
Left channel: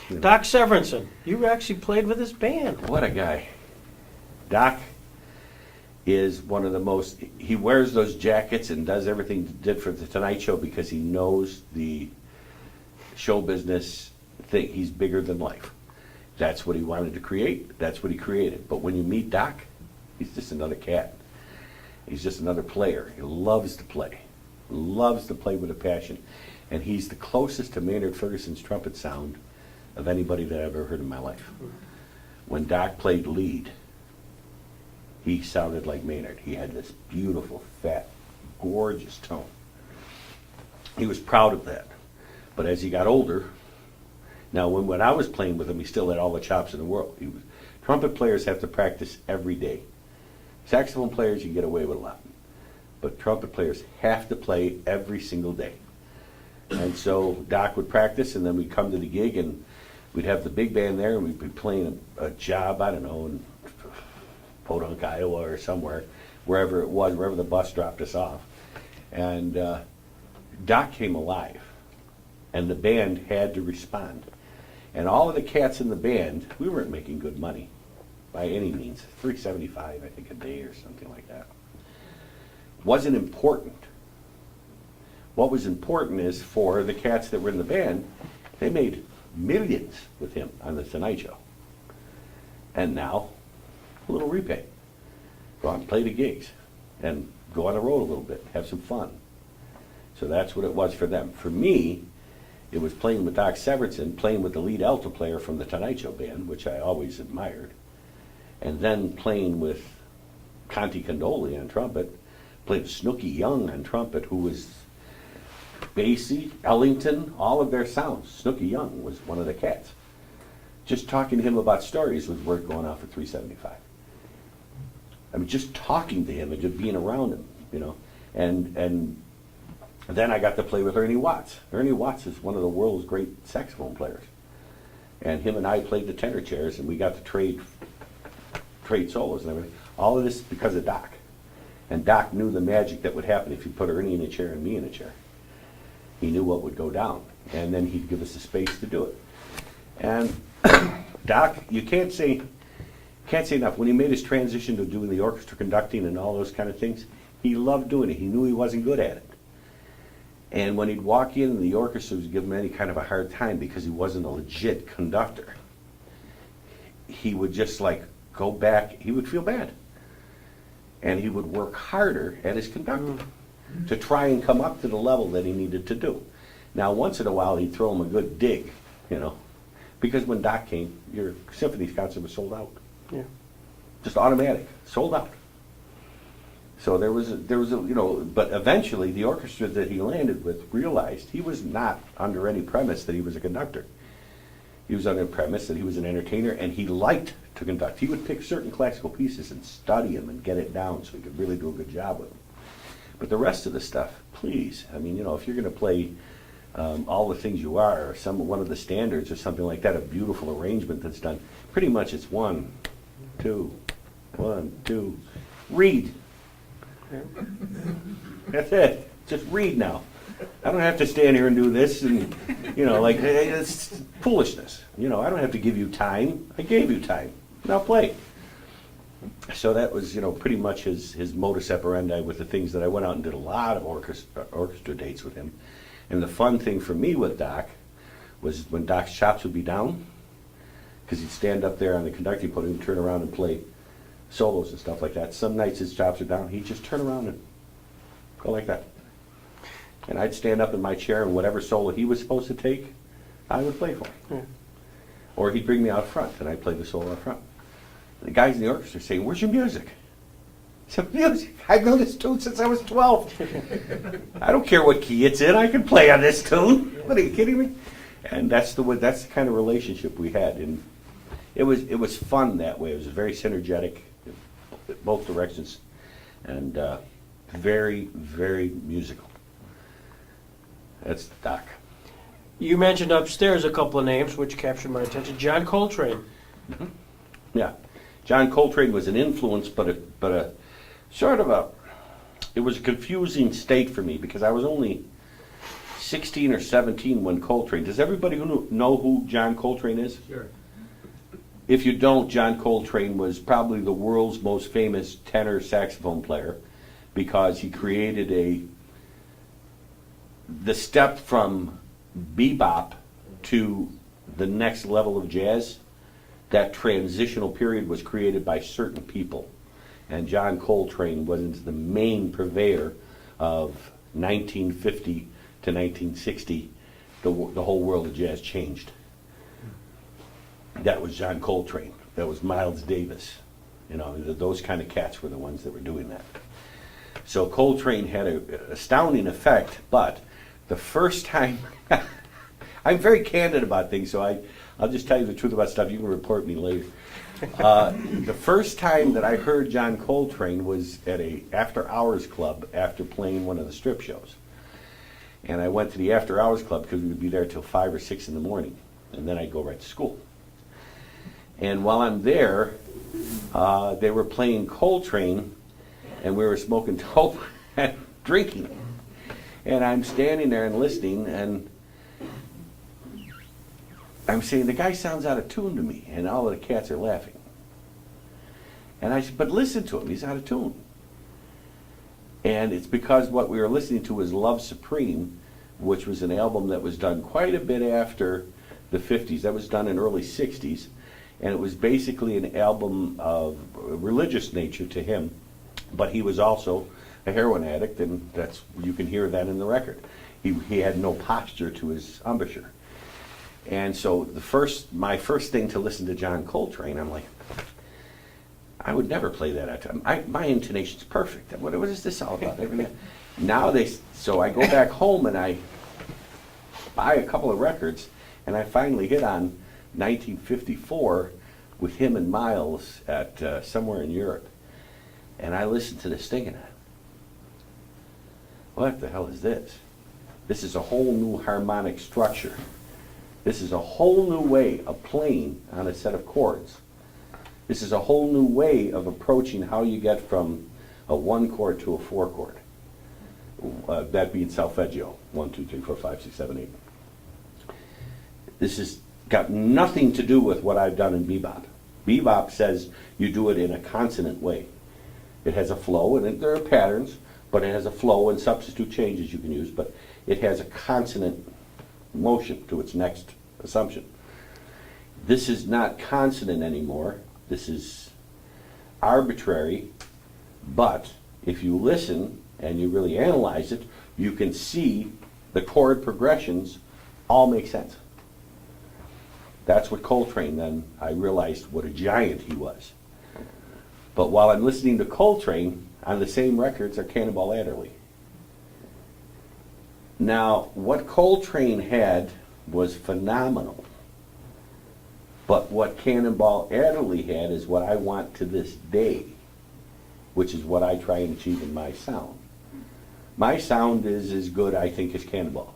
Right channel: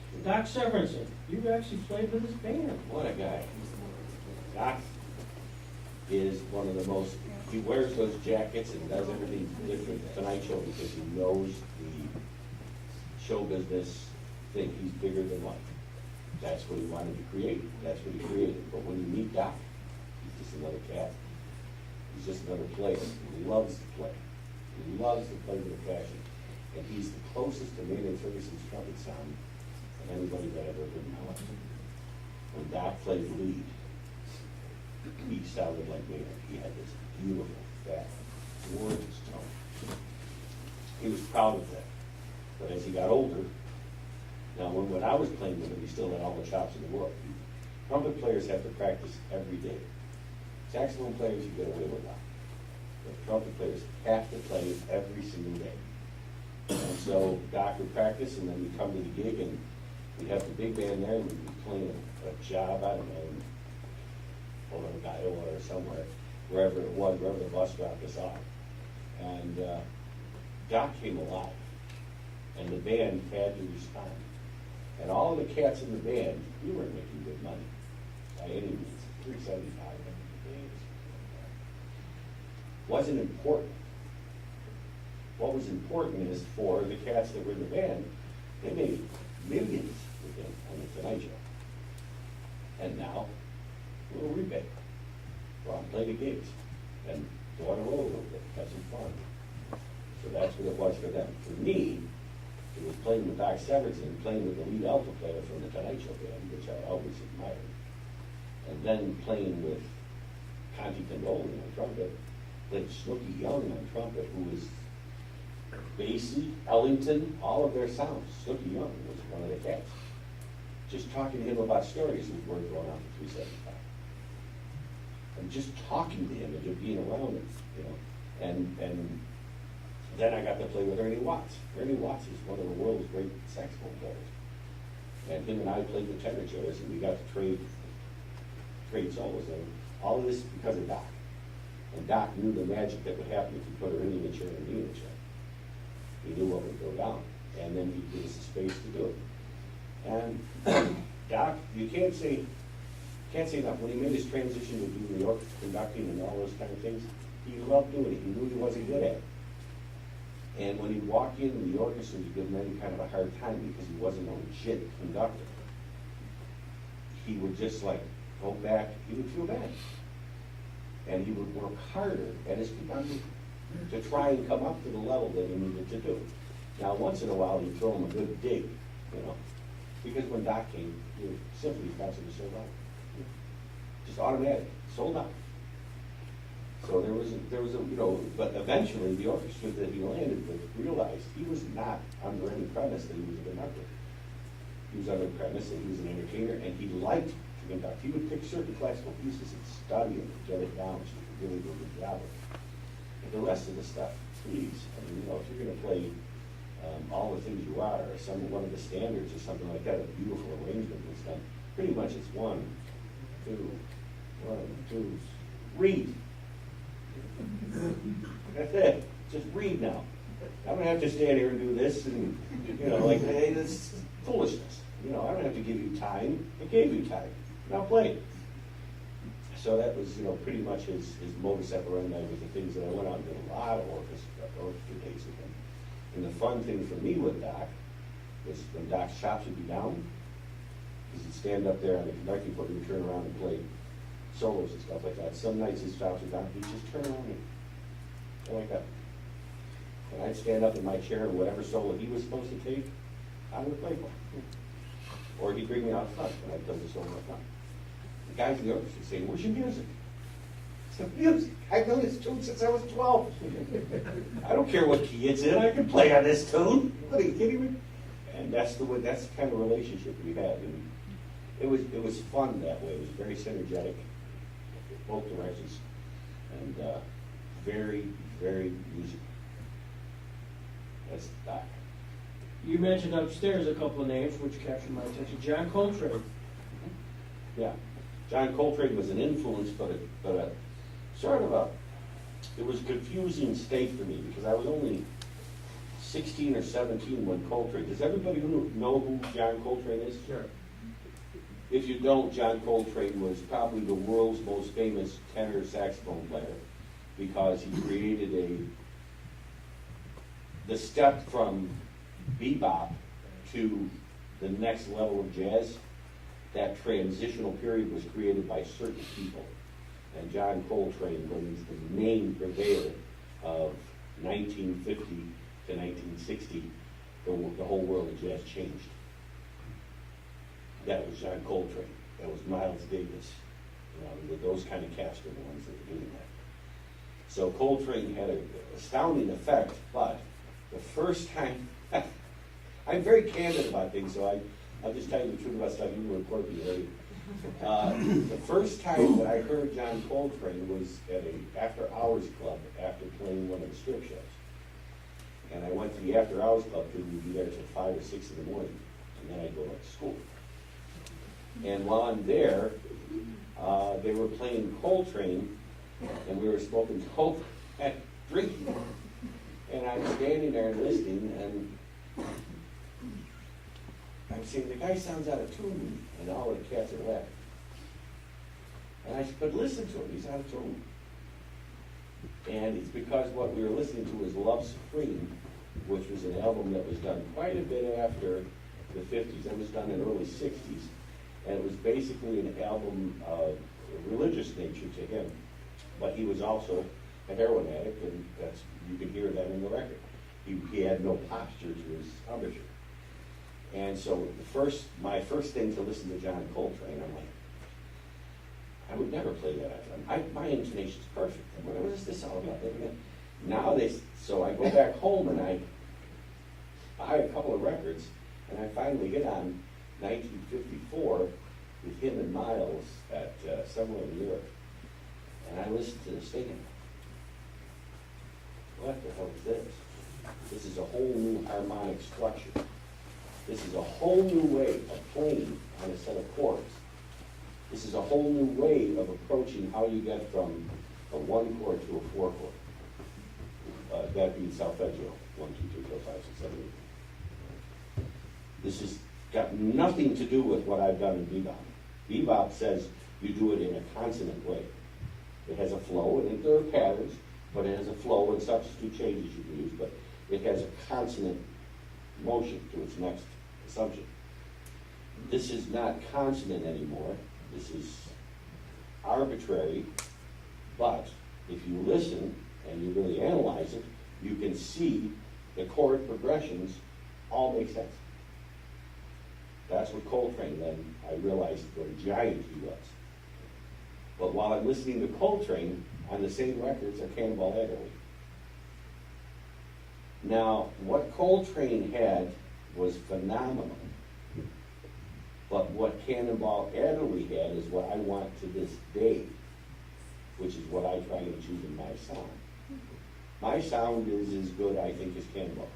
you know. Doc Severinsen, you actually played with his band. What a guy. Doc is one of the most, he wears those jackets and does everything he did for the Tonight Show because he knows the show business thing. He's bigger than life. That's what he wanted to create. That's what he created. But when you meet Doc, he's just another cat. He's just another player. He loves to play. Loves to play with a passion. And he's the closest to Maynard Ferguson's trumpet sound of anybody that I've ever heard in my life. When Doc played lead, he sounded like Maynard. He had this beautiful, fat, gorgeous tone. He was proud of that. But as he got older, now when I was playing with him, he still had all the chops in the world. Trumpet players have to practice every day. Saxophone players, you get away with a lot. But trumpet players have to play every single day. And so Doc would practice, and then we'd come to the gig, and we'd have the big band there, and we'd be playing a job, I don't know, in Podunk, Iowa, or somewhere, wherever it was, wherever the bus dropped us off. And Doc came alive, and the band had to respond. And all of the cats in the band, we weren't making good money by any means. $3.75, I think, a day or something like that. Wasn't important. What was important is for the cats that were in the band, they made millions with him on the Tonight Show. And now, a little repay. Go out and play the gigs and go on the road a little bit, have some fun. So that's what it was for them. For me, it was playing with Doc Severinsen, playing with the lead alto player from the Tonight Show band, which I always admired, and then playing with Conti Condoli on trumpet, played with Snooky Young on trumpet, who was Basie, Ellington, all of their sounds. Snooky Young was one of the cats. Just talking to him about stories was worth going off at $3.75. I mean, just talking to him and just being around him, you know. And then I got to play with Ernie Watts. Ernie Watts is one of the world's great saxophone players. And him and I played the tenor chairs, and we got to trade solos and everything. All of this because of Doc. And Doc knew the magic that would happen if you put Ernie in a chair and me in a chair. He knew what would go down. And then he'd give us the space to do it. And Doc, you can't say enough. When he made his transition to doing the orchestra conducting and all those kind of things, he loved doing it. He knew he wasn't good at it. And when he'd walk in, the orchestra would give him any kind of a hard time because he wasn't a legit conductor. He would just like go back, he would feel bad. And he would work harder at his conducting to try and come up to the level that he needed to do. Now, once in a while, he'd throw him a good dig, you know, because when Doc came, your symphony concert was sold out. Yeah. Just automatic, sold out. So there was a, you know, but eventually the orchestra that he landed with realized he was not under any premise that he was a conductor. He was under the premise that he was an entertainer, and he liked to conduct. He would pick certain classical pieces and study them and get it down so he could really do a good job with them. But the rest of the stuff, please, I mean, you know, if you're going to play All the Things You Are, or one of the standards or something like that, a beautiful arrangement that's done, pretty much it's 1, 2, 1, 2, read. That's it. Just read now. I don't have to stand here and do this and, you know, like, it's foolishness. You know, I don't have to give you time. I gave you time. Now play. So that was, pretty much his modus operandi with the things that I went out and did a lot of orchestra dates with him. And the fun thing for me with Doc was when Doc's chops would be down, because he'd stand up there on the conducting podium and turn around and play solos and stuff like that. Some nights his chops are down, he'd just turn around and go like that. And I'd stand up in my chair, and whatever solo he was supposed to take, I would play for him. Or he'd bring me out front, and I'd play the solo out front. The guys in the orchestra saying, "Where's your music?" I said, "Music? I've known this tune since I was 12. I don't care what key it's in, I can play on this tune. What, are you kidding me?" And that's the kind of relationship we had. And it was fun that way. It was very synergetic, both directions, and very, very musical. That's Doc. You mentioned upstairs a couple of names which captured my attention. John Coltrane. Yeah, John Coltrane was an influence, but a sort of it was a confusing state for me because I was only 16 or 17 when Coltrane. Does everybody know who John Coltrane is? Sure. If you don't, John Coltrane was probably the world's most famous tenor saxophone player because he created the step from bebop to the next level of jazz. That transitional period was created by certain people. And John Coltrane was the main purveyor of 1950 to 1960. The whole world of jazz changed. That was John Coltrane. That was Miles Davis. Those kind of cats were the ones that were doing that. So Coltrane had an astounding effect, but the first time, I'm very candid about things, so I'll just tell you the truth about stuff. You can report me later. The first time that I heard John Coltrane was at a after-hours club after playing one of the strip shows. And I went to the after-hours club because we would be there till 5 or 6 in the morning, and then I'd go right to school. And while I'm there, they were playing Coltrane, and we were smoking dope and drinking. And I'm standing there and listening, and I'm saying, "The guy sounds out of tune to me," and all of the cats are laughing. And I said, "But listen to him, he's out of tune." And it's because what we were listening to was Love Supreme, which was an album that was done quite a bit after the 50s. That was done in early 60s. And it was basically an album of religious nature to him. But he was also a heroin addict, and you can hear that in the record. He had no posture to his embouchure. And so my first thing to listen to John Coltrane, I'm like, I would never play that at time. My intonation's perfect. What is this all about? So I go back home and I buy a couple of records, and I finally hit on 1954 with him and Miles at somewhere in Europe. And I listened to this thing and what the hell is this? This is a whole new harmonic structure. This is a whole new way of playing on a set of chords. This is a whole new way of approaching how you get from a 1 chord to a 4 chord. That being solfeggio, 1, 2, 3, 4, 5, 6, 7, 8. This has got nothing to do with what I've done in bebop. Bebop says you do it in a consonant way. It has a flow, and there are patterns, but it has a flow and substitute changes you can use, but it has a consonant motion to its next assumption. This is not consonant anymore. This is arbitrary, but if you listen and you really analyze it, you can see the chord progressions all make sense. That's what Coltrane, then I realized what a giant he was. But while I'm listening to Coltrane, on the same records are Cannonball Adderley. Now, what Coltrane had was phenomenal. But what Cannonball Adderley had is what I want to this day, which is what I try and achieve in my sound. My sound is as good, I think, as Cannonball's.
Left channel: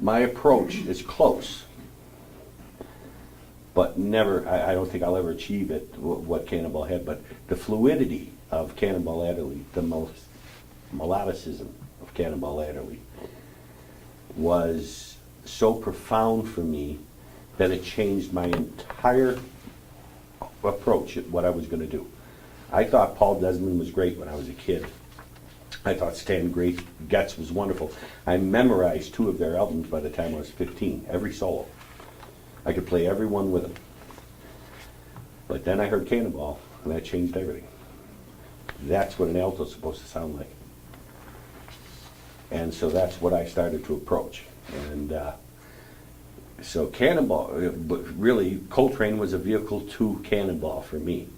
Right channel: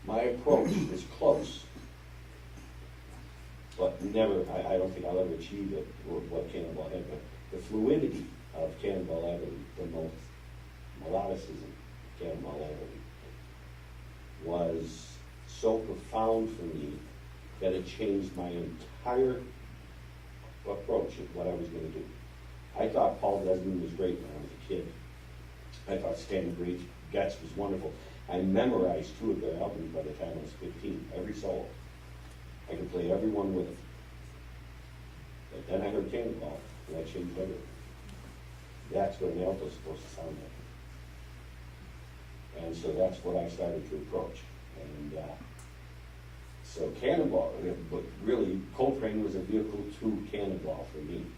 My approach is close, but never, I don't think I'll ever achieve it, what Cannonball had, but the fluidity of Cannonball Adderley, the most melodicism of Cannonball Adderley was so profound for me that it changed my entire approach at what I was going to do. I thought Paul Desmond was great when I was a kid. I thought Stan Getz was wonderful. I memorized 2 of their albums by the time I was 15, every solo. I could play every one with them. But then I heard Cannonball, and that changed everything. That's what an alto's supposed to sound like. And so that's what I started to approach. And so Cannonball, but really Coltrane was a vehicle to Cannonball for me.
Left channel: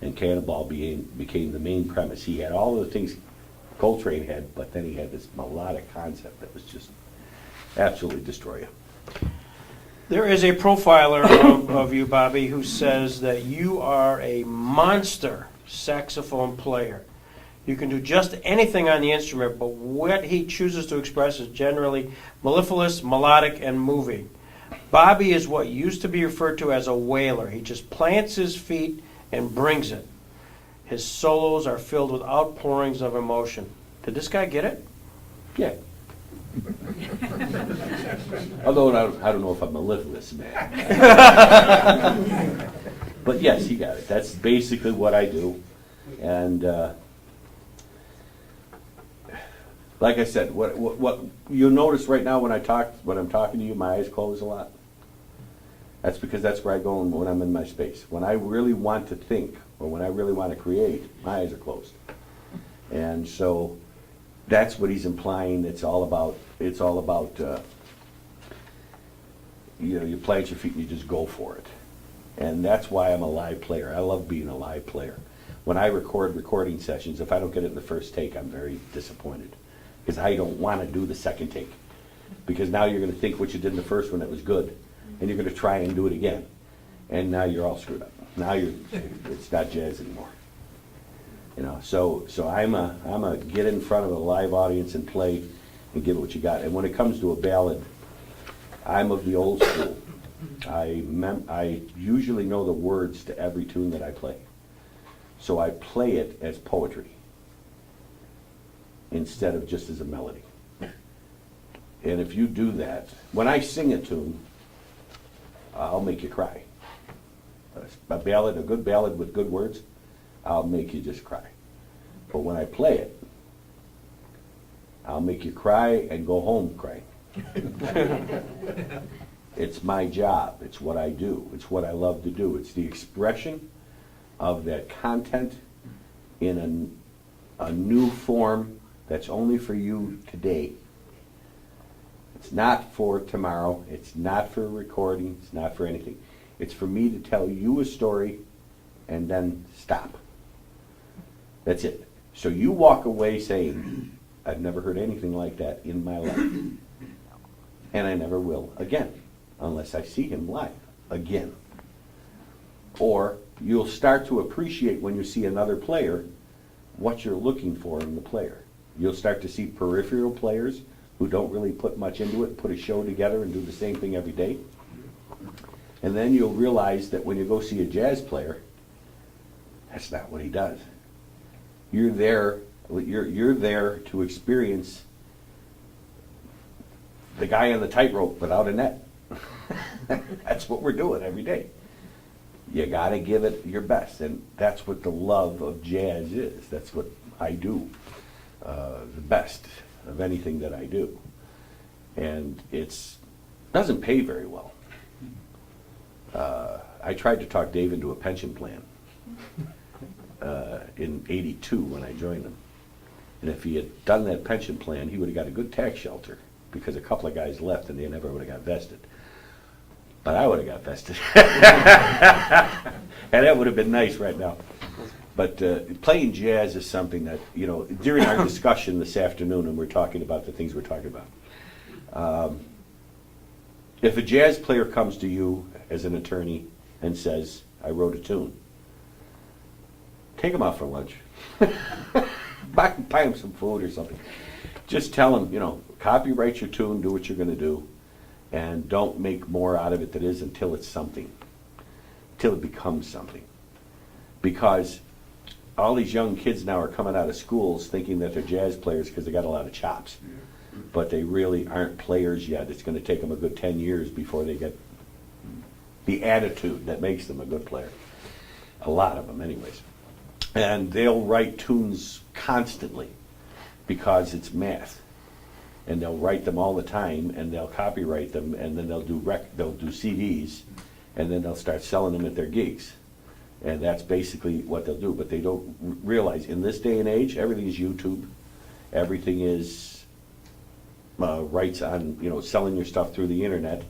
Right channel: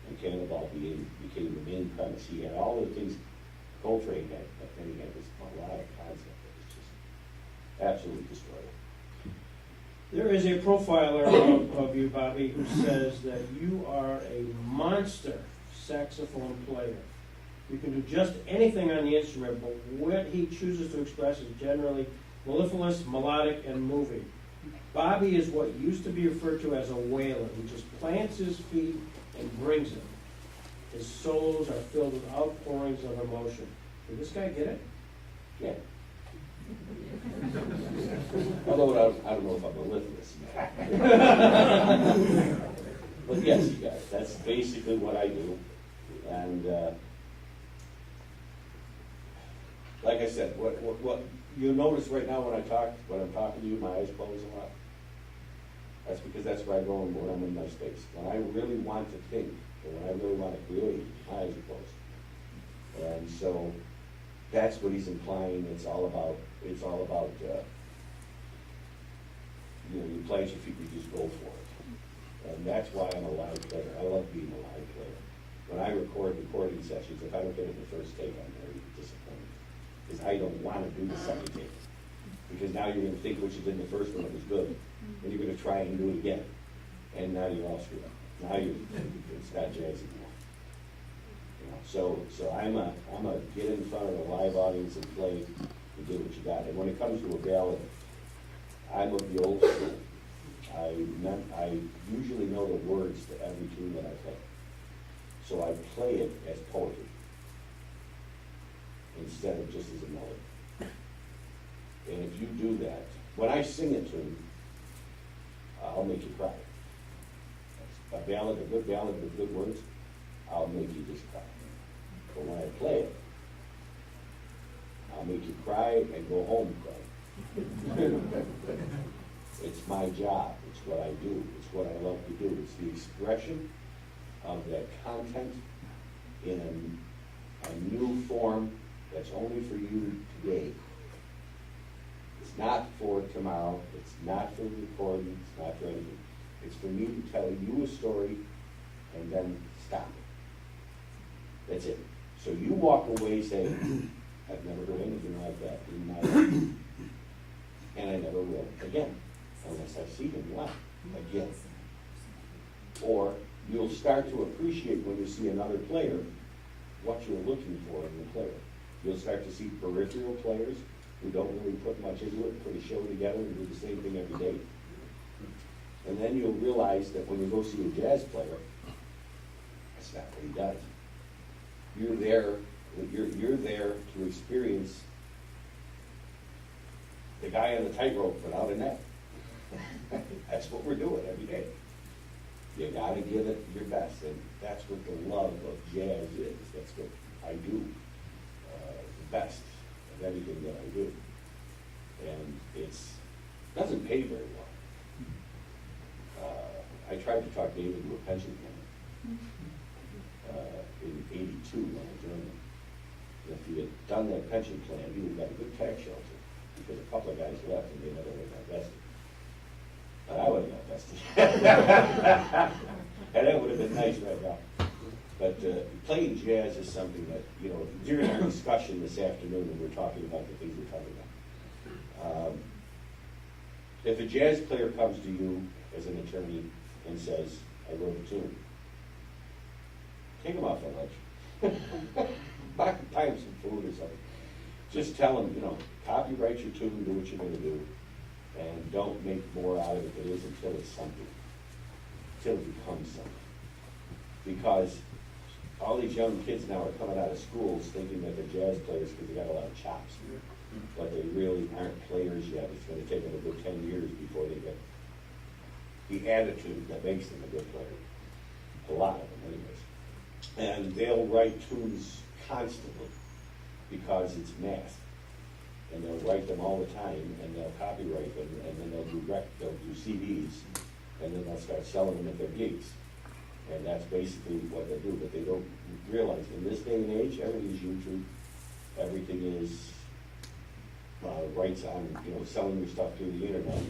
And Cannonball became the main premise. He had all of the things Coltrane had, but then he had this melodic concept that was just absolutely destroy you. There is a profiler of you, Bobby, who says that you are a monster saxophone player. You can do just anything on the instrument, but what he chooses to express is generally mellifluous, melodic, and moving. Bobby is what used to be referred to as a wailer. He just plants his feet and brings it. His solos are filled with outpourings of emotion. Did this guy get it? Yeah. Although I don't know if I'm mellifluous, man. But yes, he got it. That's basically what I do. And like I said, what you'll notice right now when I'm talking to you, my eyes close a lot. That's because that's where I go when I'm in my space. When I really want to think, or when I really want to create, my eyes are closed. And so that's what he's implying. It's all about you plant your feet and you just go for it. And that's why I'm a live player. I love being a live player. When I record recording sessions, if I don't get it in the first take, I'm very disappointed. Because I don't want to do the second take. Because now you're going to think what you did in the first one that was good. And you're going to try and do it again. And now you're all screwed up. Now it's not jazz anymore. You know, so I'm a get in front of a live audience and play and give it what you got. And when it comes to a ballad, I'm of the old school. I usually know the words to every tune that I play. So I play it as poetry instead of just as a melody. And if you do that, when I sing a tune, I'll make you cry. A ballad, a good ballad with good words, I'll make you just cry. But when I play it, I'll make you cry and go home crying. It's my job. It's what I do. It's what I love to do. It's the expression of that content in a new form that's only for you today. It's not for tomorrow. It's not for recording. It's not for anything. It's for me to tell you a story and then stop. That's it. So you walk away saying, I've never heard anything like that in my life. And I never will again, unless I see him live again. Or you'll start to appreciate when you see another player what you're looking for in the player. You'll start to see peripheral players who don't really put much into it, put a show together and do the same thing every day. And then you'll realize that when you go see a jazz player, that's not what he does. You're there to experience the guy on the tightrope without a net. That's what we're doing every day. You gotta give it your best, and that's what the love of jazz is. That's what I do, the best of anything that I do. And it doesn't pay very well. I tried to talk Dave into a pension plan in '82 when I joined him. And if he had done that pension plan, he would have got a good tax shelter because a couple of guys left and they never would have got vested. But I would have got vested. And that would have been nice right now. But playing jazz is something that, you know, during our discussion this afternoon, and we're talking about the things we're talking about, if a jazz player comes to you as an attorney and says, I wrote a tune, take him out for lunch. buy him some food or something. Just tell him, you know, copyright your tune, do what you're going to do, and don't make more out of it than it is until it's something, until it becomes something. Because all these young kids now are coming out of schools thinking that they're jazz players because they got a lot of chops. But they really aren't players yet. It's going to take them a good 10 years before they get the attitude that makes them a good player. a lot of them anyways. And they'll write tunes constantly because it's math. And they'll write them all the time, and they'll copyright them, and then they'll do CDs, and then they'll start selling them at their gigs. And that's basically what they'll do. But they don't realize in this day and age, everything is YouTube. Everything is rights on, selling your stuff through the internet,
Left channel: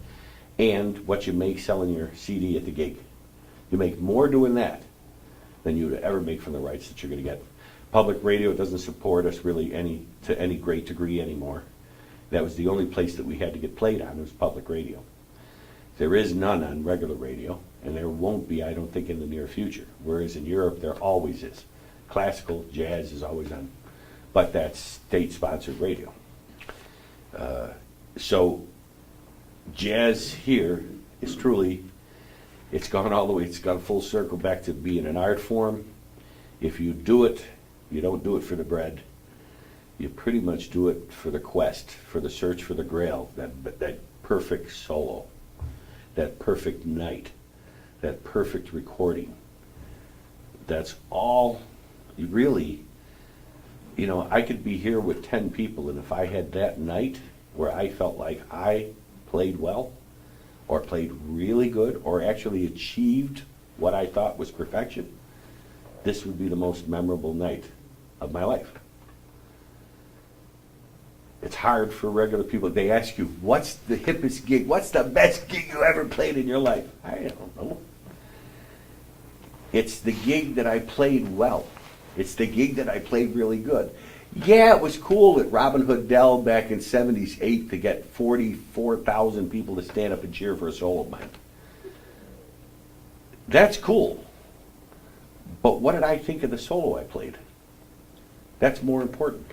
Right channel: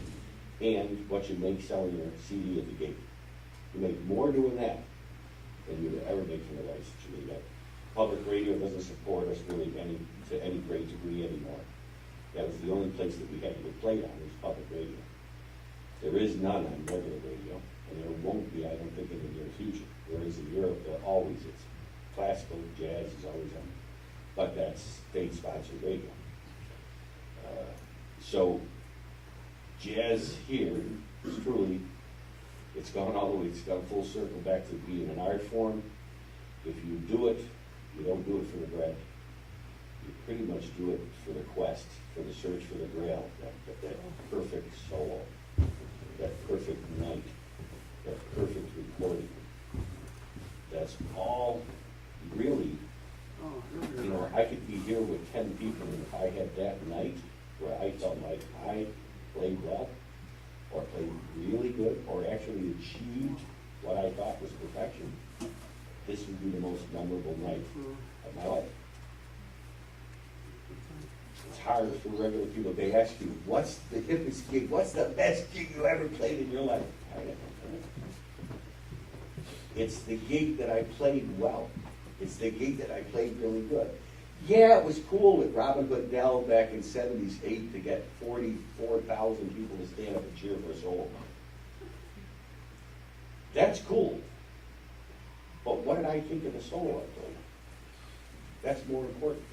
and what you make selling your CD at the gig. You make more doing that than you would ever make from the rights that you're going to get. Public radio doesn't support us really to any great degree anymore. That was the only place that we had to get played on, was public radio. There is none on regular radio, and there won't be, I don't think, in the near future. Whereas in Europe, there always is. Classical, jazz is always on, but that's state-sponsored radio. So jazz here is truly, it's gone all the way, it's gone full circle back to being an art form. If you do it, you don't do it for the bread. You pretty much do it for the quest, for the search for the grail, that perfect solo, that perfect night, that perfect recording. That's all you really, I could be here with 10 people, and if I had that night where I felt like I played well, or played really good, or actually achieved what I thought was perfection, this would be the most memorable night of my life. It's hard for regular people. They ask you, what's the hippest gig? What's the best gig you ever played in your life? I don't know. It's the gig that I played well. It's the gig that I played really good. Yeah, it was cool at Robin Hood Dell back in '78 to get 44,000 people to stand up and cheer for a solo of mine. That's cool. But what did I think of the solo I played? That's more important.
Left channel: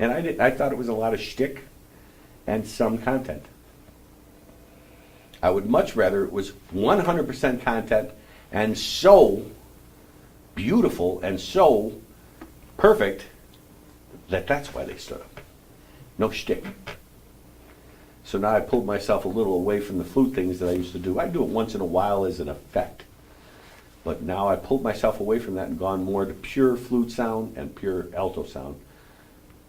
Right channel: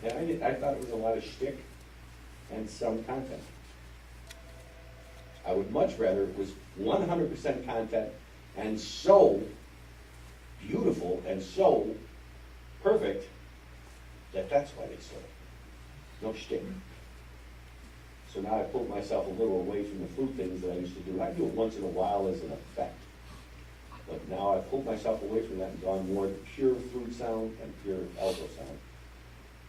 And I thought it was a lot of shtick and some content. I would much rather it was 100% content and so beautiful and so perfect that that's why they stood up. No shtick. So now I pulled myself a little away from the flute things that I used to do. I do it once in a while as an effect. But now I pulled myself away from that and gone more to pure flute sound and pure alto sound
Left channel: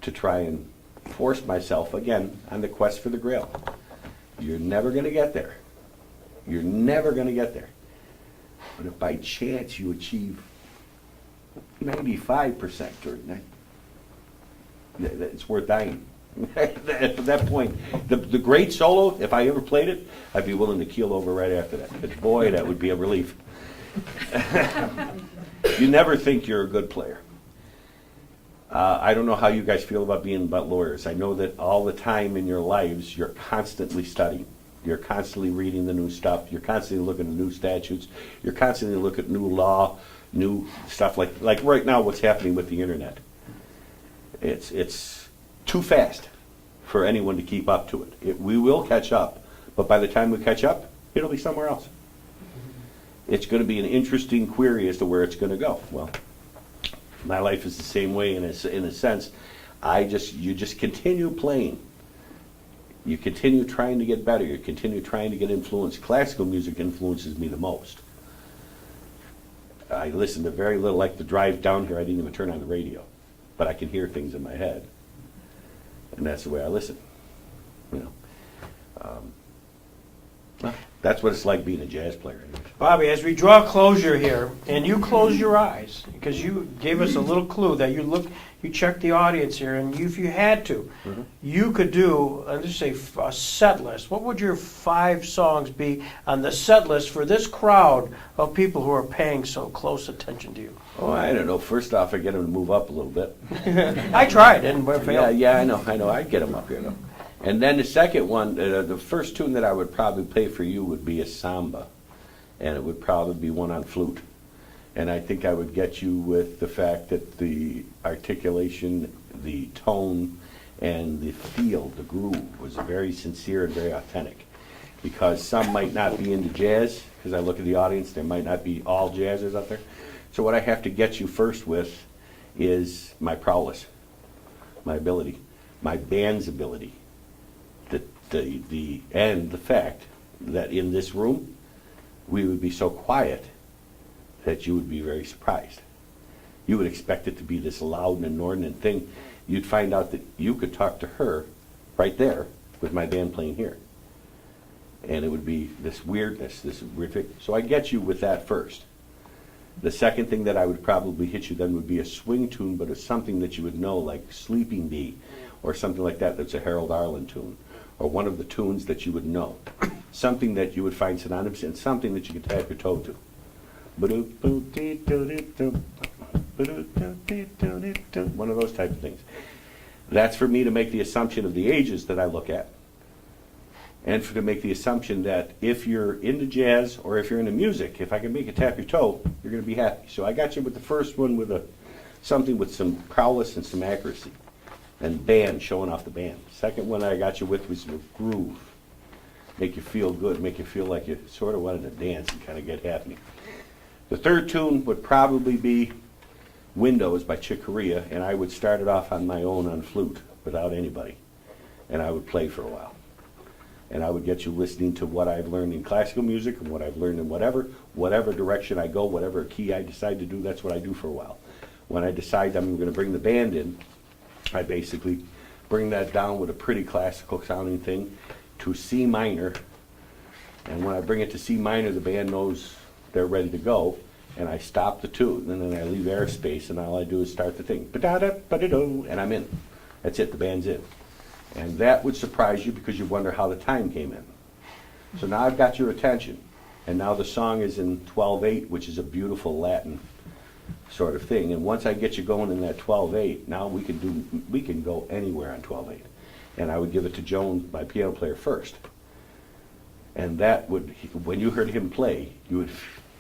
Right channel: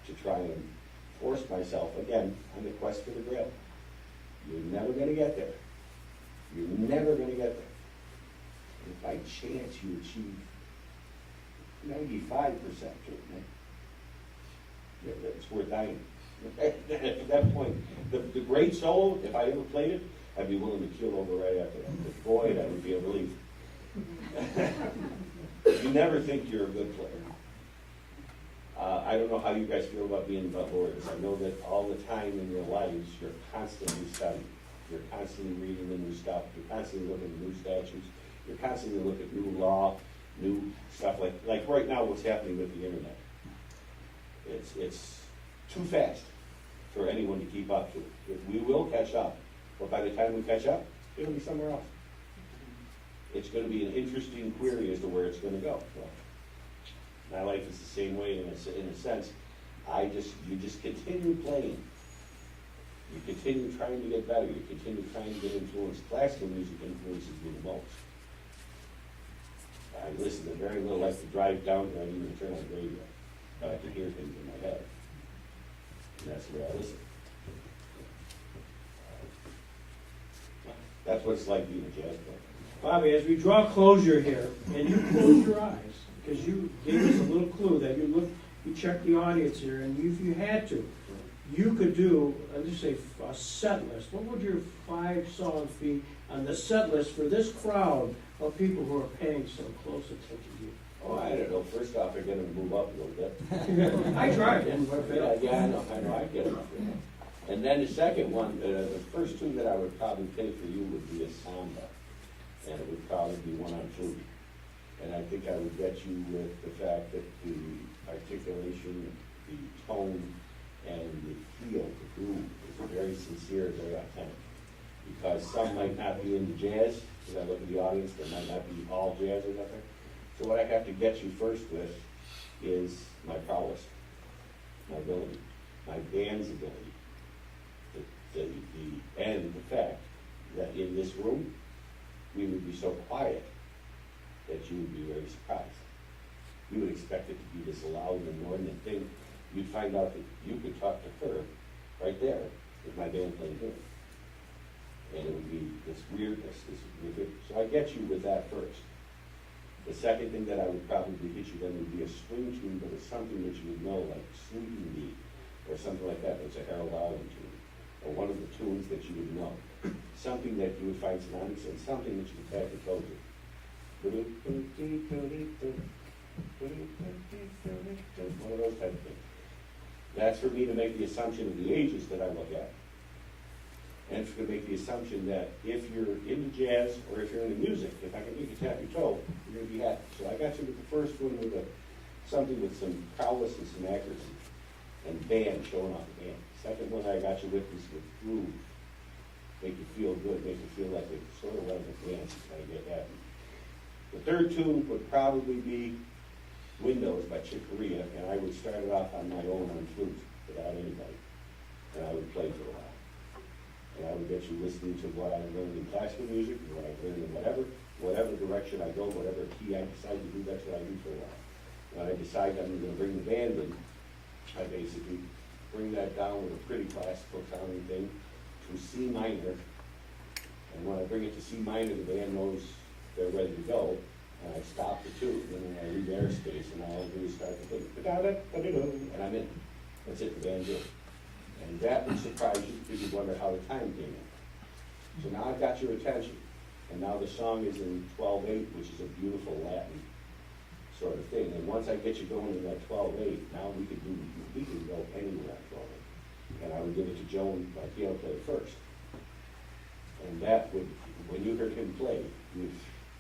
to try and force myself, again, on the quest for the grail. You're never going to get there. You're never going to get there. But if by chance you achieve 95% or it's worth dying. At that point, the great solo, if I ever played it, I'd be willing to keel over right after that. But boy, that would be a relief. You never think you're a good player. I don't know how you guys feel about being lawyers. I know that all the time in your lives, you're constantly studying. You're constantly reading the new stuff. You're constantly looking at new statutes. You're constantly looking at new law, new stuff like right now what's happening with the internet. It's too fast for anyone to keep up to it. We will catch up, but by the time we catch up, it'll be somewhere else. It's going to be an interesting query as to where it's going to go. Well, my life is the same way in a sense. You just continue playing. You continue trying to get better. You continue trying to get influenced. Classical music influences me the most. I listen to very little. Like the drive down here, I didn't even turn on the radio, but I can hear things in my head, and that's the way I listen. Well, that's what it's like being a jazz player. Bobby, as we draw closure here, and you close your eyes, because you gave us a little clue that you checked the audience here, and if you had to, you could do, let's just say, a set list. What would your 5 songs be on the set list for this crowd of people who are paying so close attention to you? Oh, I don't know. First off, I get them to move up a little bit. I tried, and failed. Yeah, I know. I get them up here, though. And then the second one, the first tune that I would probably play for you would be a samba, and it would probably be one on flute. And I think I would get you with the fact that the articulation, the tone, and the feel, the groove, was very sincere and very authentic. Because some might not be into jazz, because I look at the audience, there might not be all jazzers out there. So what I have to get you first with is my prowess, my ability, my band's ability, and the fact that in this room we would be so quiet that you would be very surprised. You would expect it to be this loud and inordinate thing. You'd find out that you could talk to her right there with my band playing here. And it would be this weirdness, this horrific. So I get you with that first. The second thing that I would probably hit you then would be a swing tune, but it's something that you would know, like Sleeping Bee, or something like that that's a Harold Arlen tune, or one of the tunes that you would know. Something that you would find synonymous and something that you could tap your toe to. One of those type of things. That's for me to make the assumption of the ages that I look at. And to make the assumption that if you're into jazz or if you're into music, if I can make you tap your toe, you're going to be happy. So I got you with the first one with something with some prowess and some accuracy. And band, showing off the band. Second one I got you with was with groove. Make you feel good, make you feel like you sort of wanted to dance and kind of get happy. The third tune would probably be Windows by Chick Corea, and I would start it off on my own on flute without anybody. And I would play for a while. And I would get you listening to what I've learned in classical music and what I've learned in whatever direction I go, whatever key I decide to do, that's what I do for a while. When I decide I'm going to bring the band in, I basically bring that down with a pretty classical sounding thing to C minor. And when I bring it to C minor, the band knows they're ready to go. And I stop the tune, and then I leave airspace, and all I do is start the thing. Ba-da-da, ba-da-do, and I'm in. That's it, the band's in. And that would surprise you because you wonder how the time came in. So now I've got your attention. And now the song is in 12/8, which is a beautiful Latin sort of thing. And once I get you going in that 12/8, now we can go anywhere on 12/8. And I would give it to Joan, my piano player, first. And that would, when you heard him play, you would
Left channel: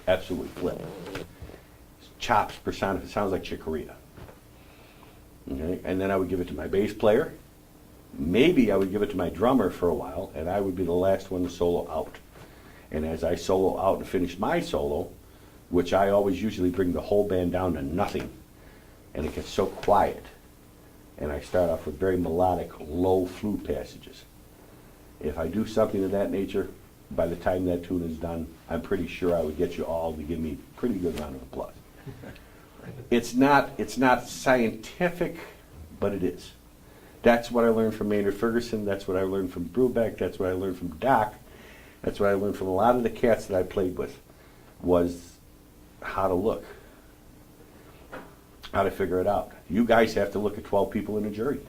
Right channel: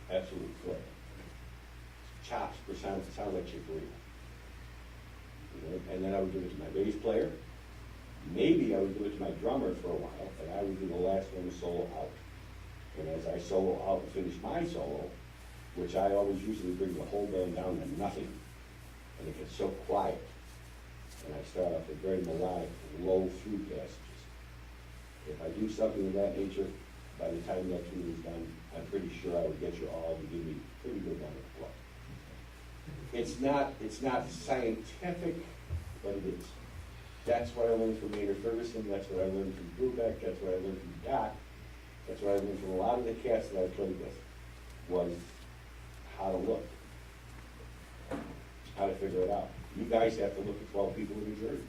absolutely flip. Chops personified, sounds like Chick Corea. Okay? And then I would give it to my bass player. Maybe I would give it to my drummer for a while, and I would be the last one to solo out. And as I solo out and finish my solo, which I always usually bring the whole band down to nothing, and it gets so quiet, and I start off with very melodic, low flute passages. If I do something of that nature, by the time that tune is done, I'm pretty sure I would get you all to give me a pretty good round of applause. It's not scientific, but it is. That's what I learned from Maynard Ferguson, that's what I learned from Brubeck, that's what I learned from Doc, that's what I learned from a lot of the cats that I played with, was how to look, how to figure it out. You guys have to look at 12 people in a jury.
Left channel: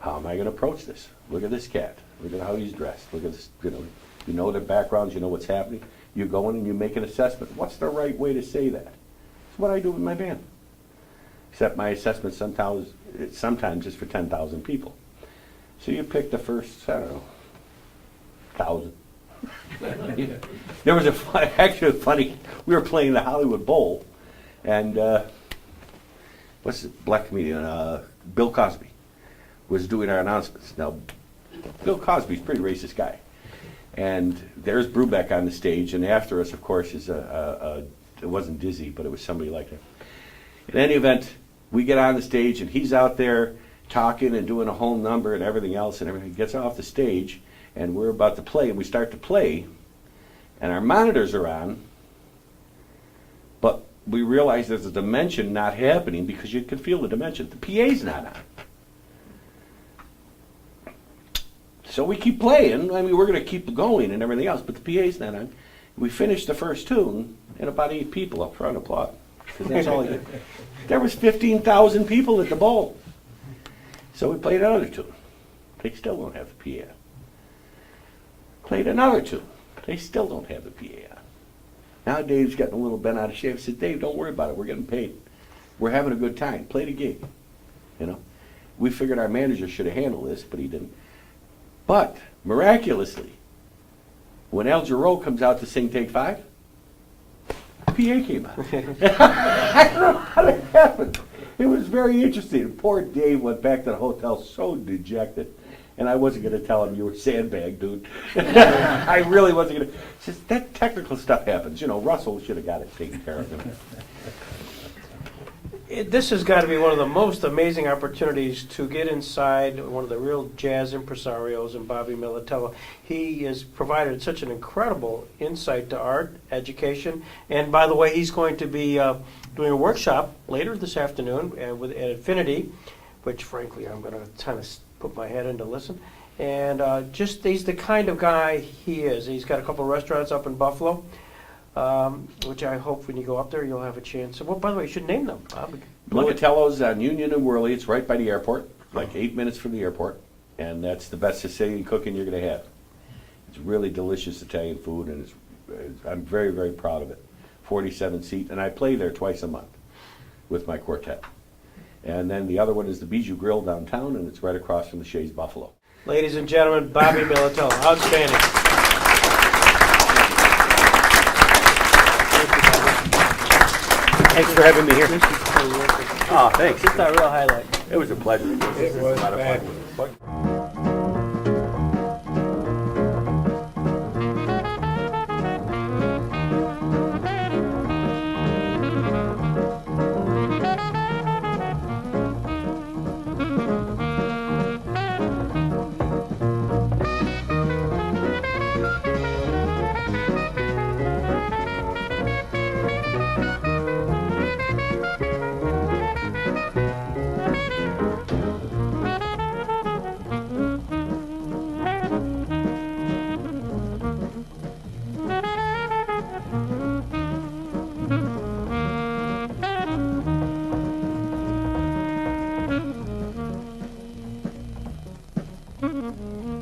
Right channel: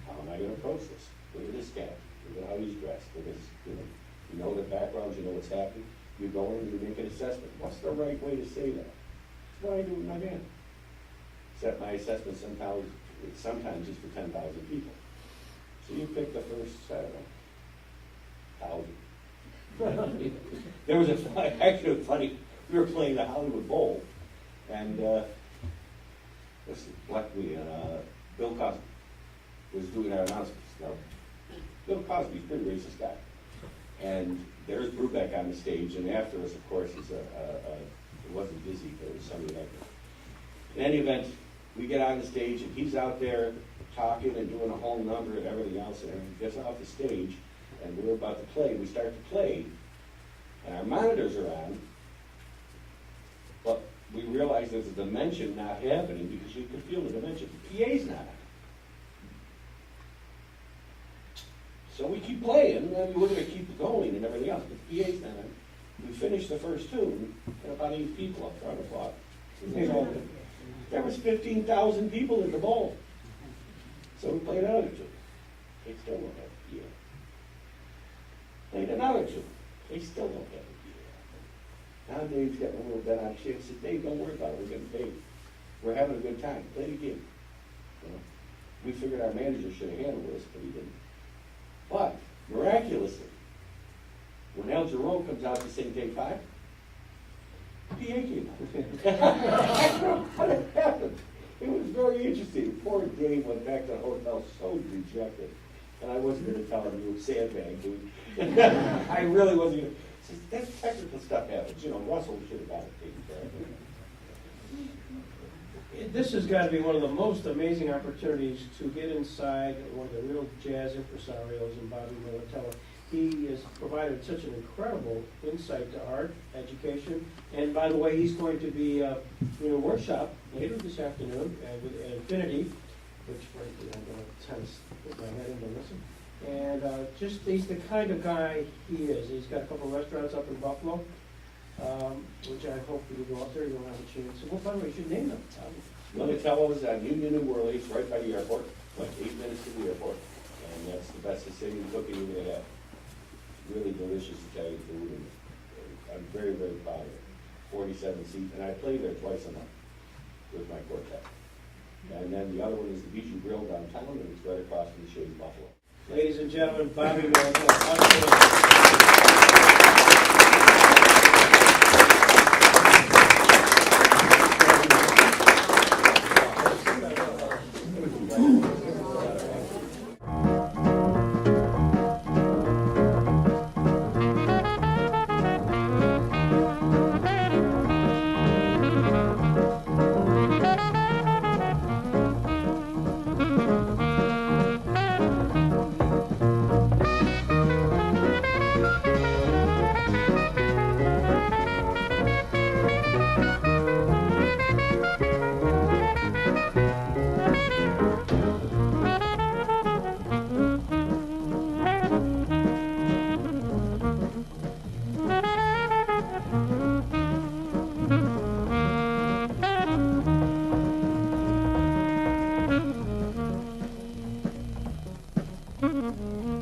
How am I going to approach this? Look at this cat. Look at how he's dressed. Look at this, you know their backgrounds, you know what's happening. You go in and you make an assessment. What's the right way to say that? It's what I do with my band. Except my assessment sometimes is for 10,000 people. So you pick the first, I don't know, 1,000. There was actually funny, we were playing the Hollywood Bowl, and what's the black comedian, Bill Cosby, was doing our announcements. Now, Bill Cosby's a pretty racist guy. And there's Brubeck on the stage, and after us, of course, is it wasn't Dizzy, but it was somebody like him. In any event, we get on the stage, and he's out there talking and doing a whole number and everything else, and everything gets off the stage, and we're about to play, and we start to play, and our monitors are on, but we realize there's a dimension not happening because you can feel the dimension. The PA's not on. So we keep playing. I mean, we're going to keep going and everything else, but the PA's not on. We finished the first tune, and about 8 people up front applaud. Because that's all I did. There was 15,000 people at the bowl. So we played another tune. They still don't have the PA. Played another tune. They still don't have the PA. Now Dave's getting a little bent out of shape. I said, Dave, don't worry about it. We're getting paid. We're having a good time. Play the game. You know, we figured our manager should have handled this, but he didn't. But miraculously, when El Giro comes out to sing Take 5, PA came out. I don't know how that happened. It was very interesting. Poor Dave went back to the hotel so dejected. And I wasn't going to tell him you were sandbag, dude. I really wasn't going to. Just that technical stuff happens. You know, Russell should have got it taken care of. This has got to be one of the most amazing opportunities to get inside one of the real jazz impresarios in Bobby Militello. He has provided such an incredible insight to art, education, and by the way, he's going to be doing a workshop later this afternoon at Infinity, which frankly I'm going to kind of put my head in to listen. And he's the kind of guy he is. He's got a couple of restaurants up in Buffalo. Which I hope when you go up there you'll have a chance. Well, by the way, you should name them, Bob. Militello's on Union and Worley. It's right by the airport, like 8 minutes from the airport, and that's the best Sicilian cooking you're going to have. It's really delicious Italian food, and I'm very, very proud of it. 47 seat, and I play there twice a month with my quartet. And then the other one is the Bijou Grill downtown, and it's right across from the Shays Buffalo. Ladies and gentlemen, Bobby Militello, outstanding. Thanks for having me here. Oh, thanks. It's a real highlight. It was a pleasure. It was a lot of fun. Mm-hmm.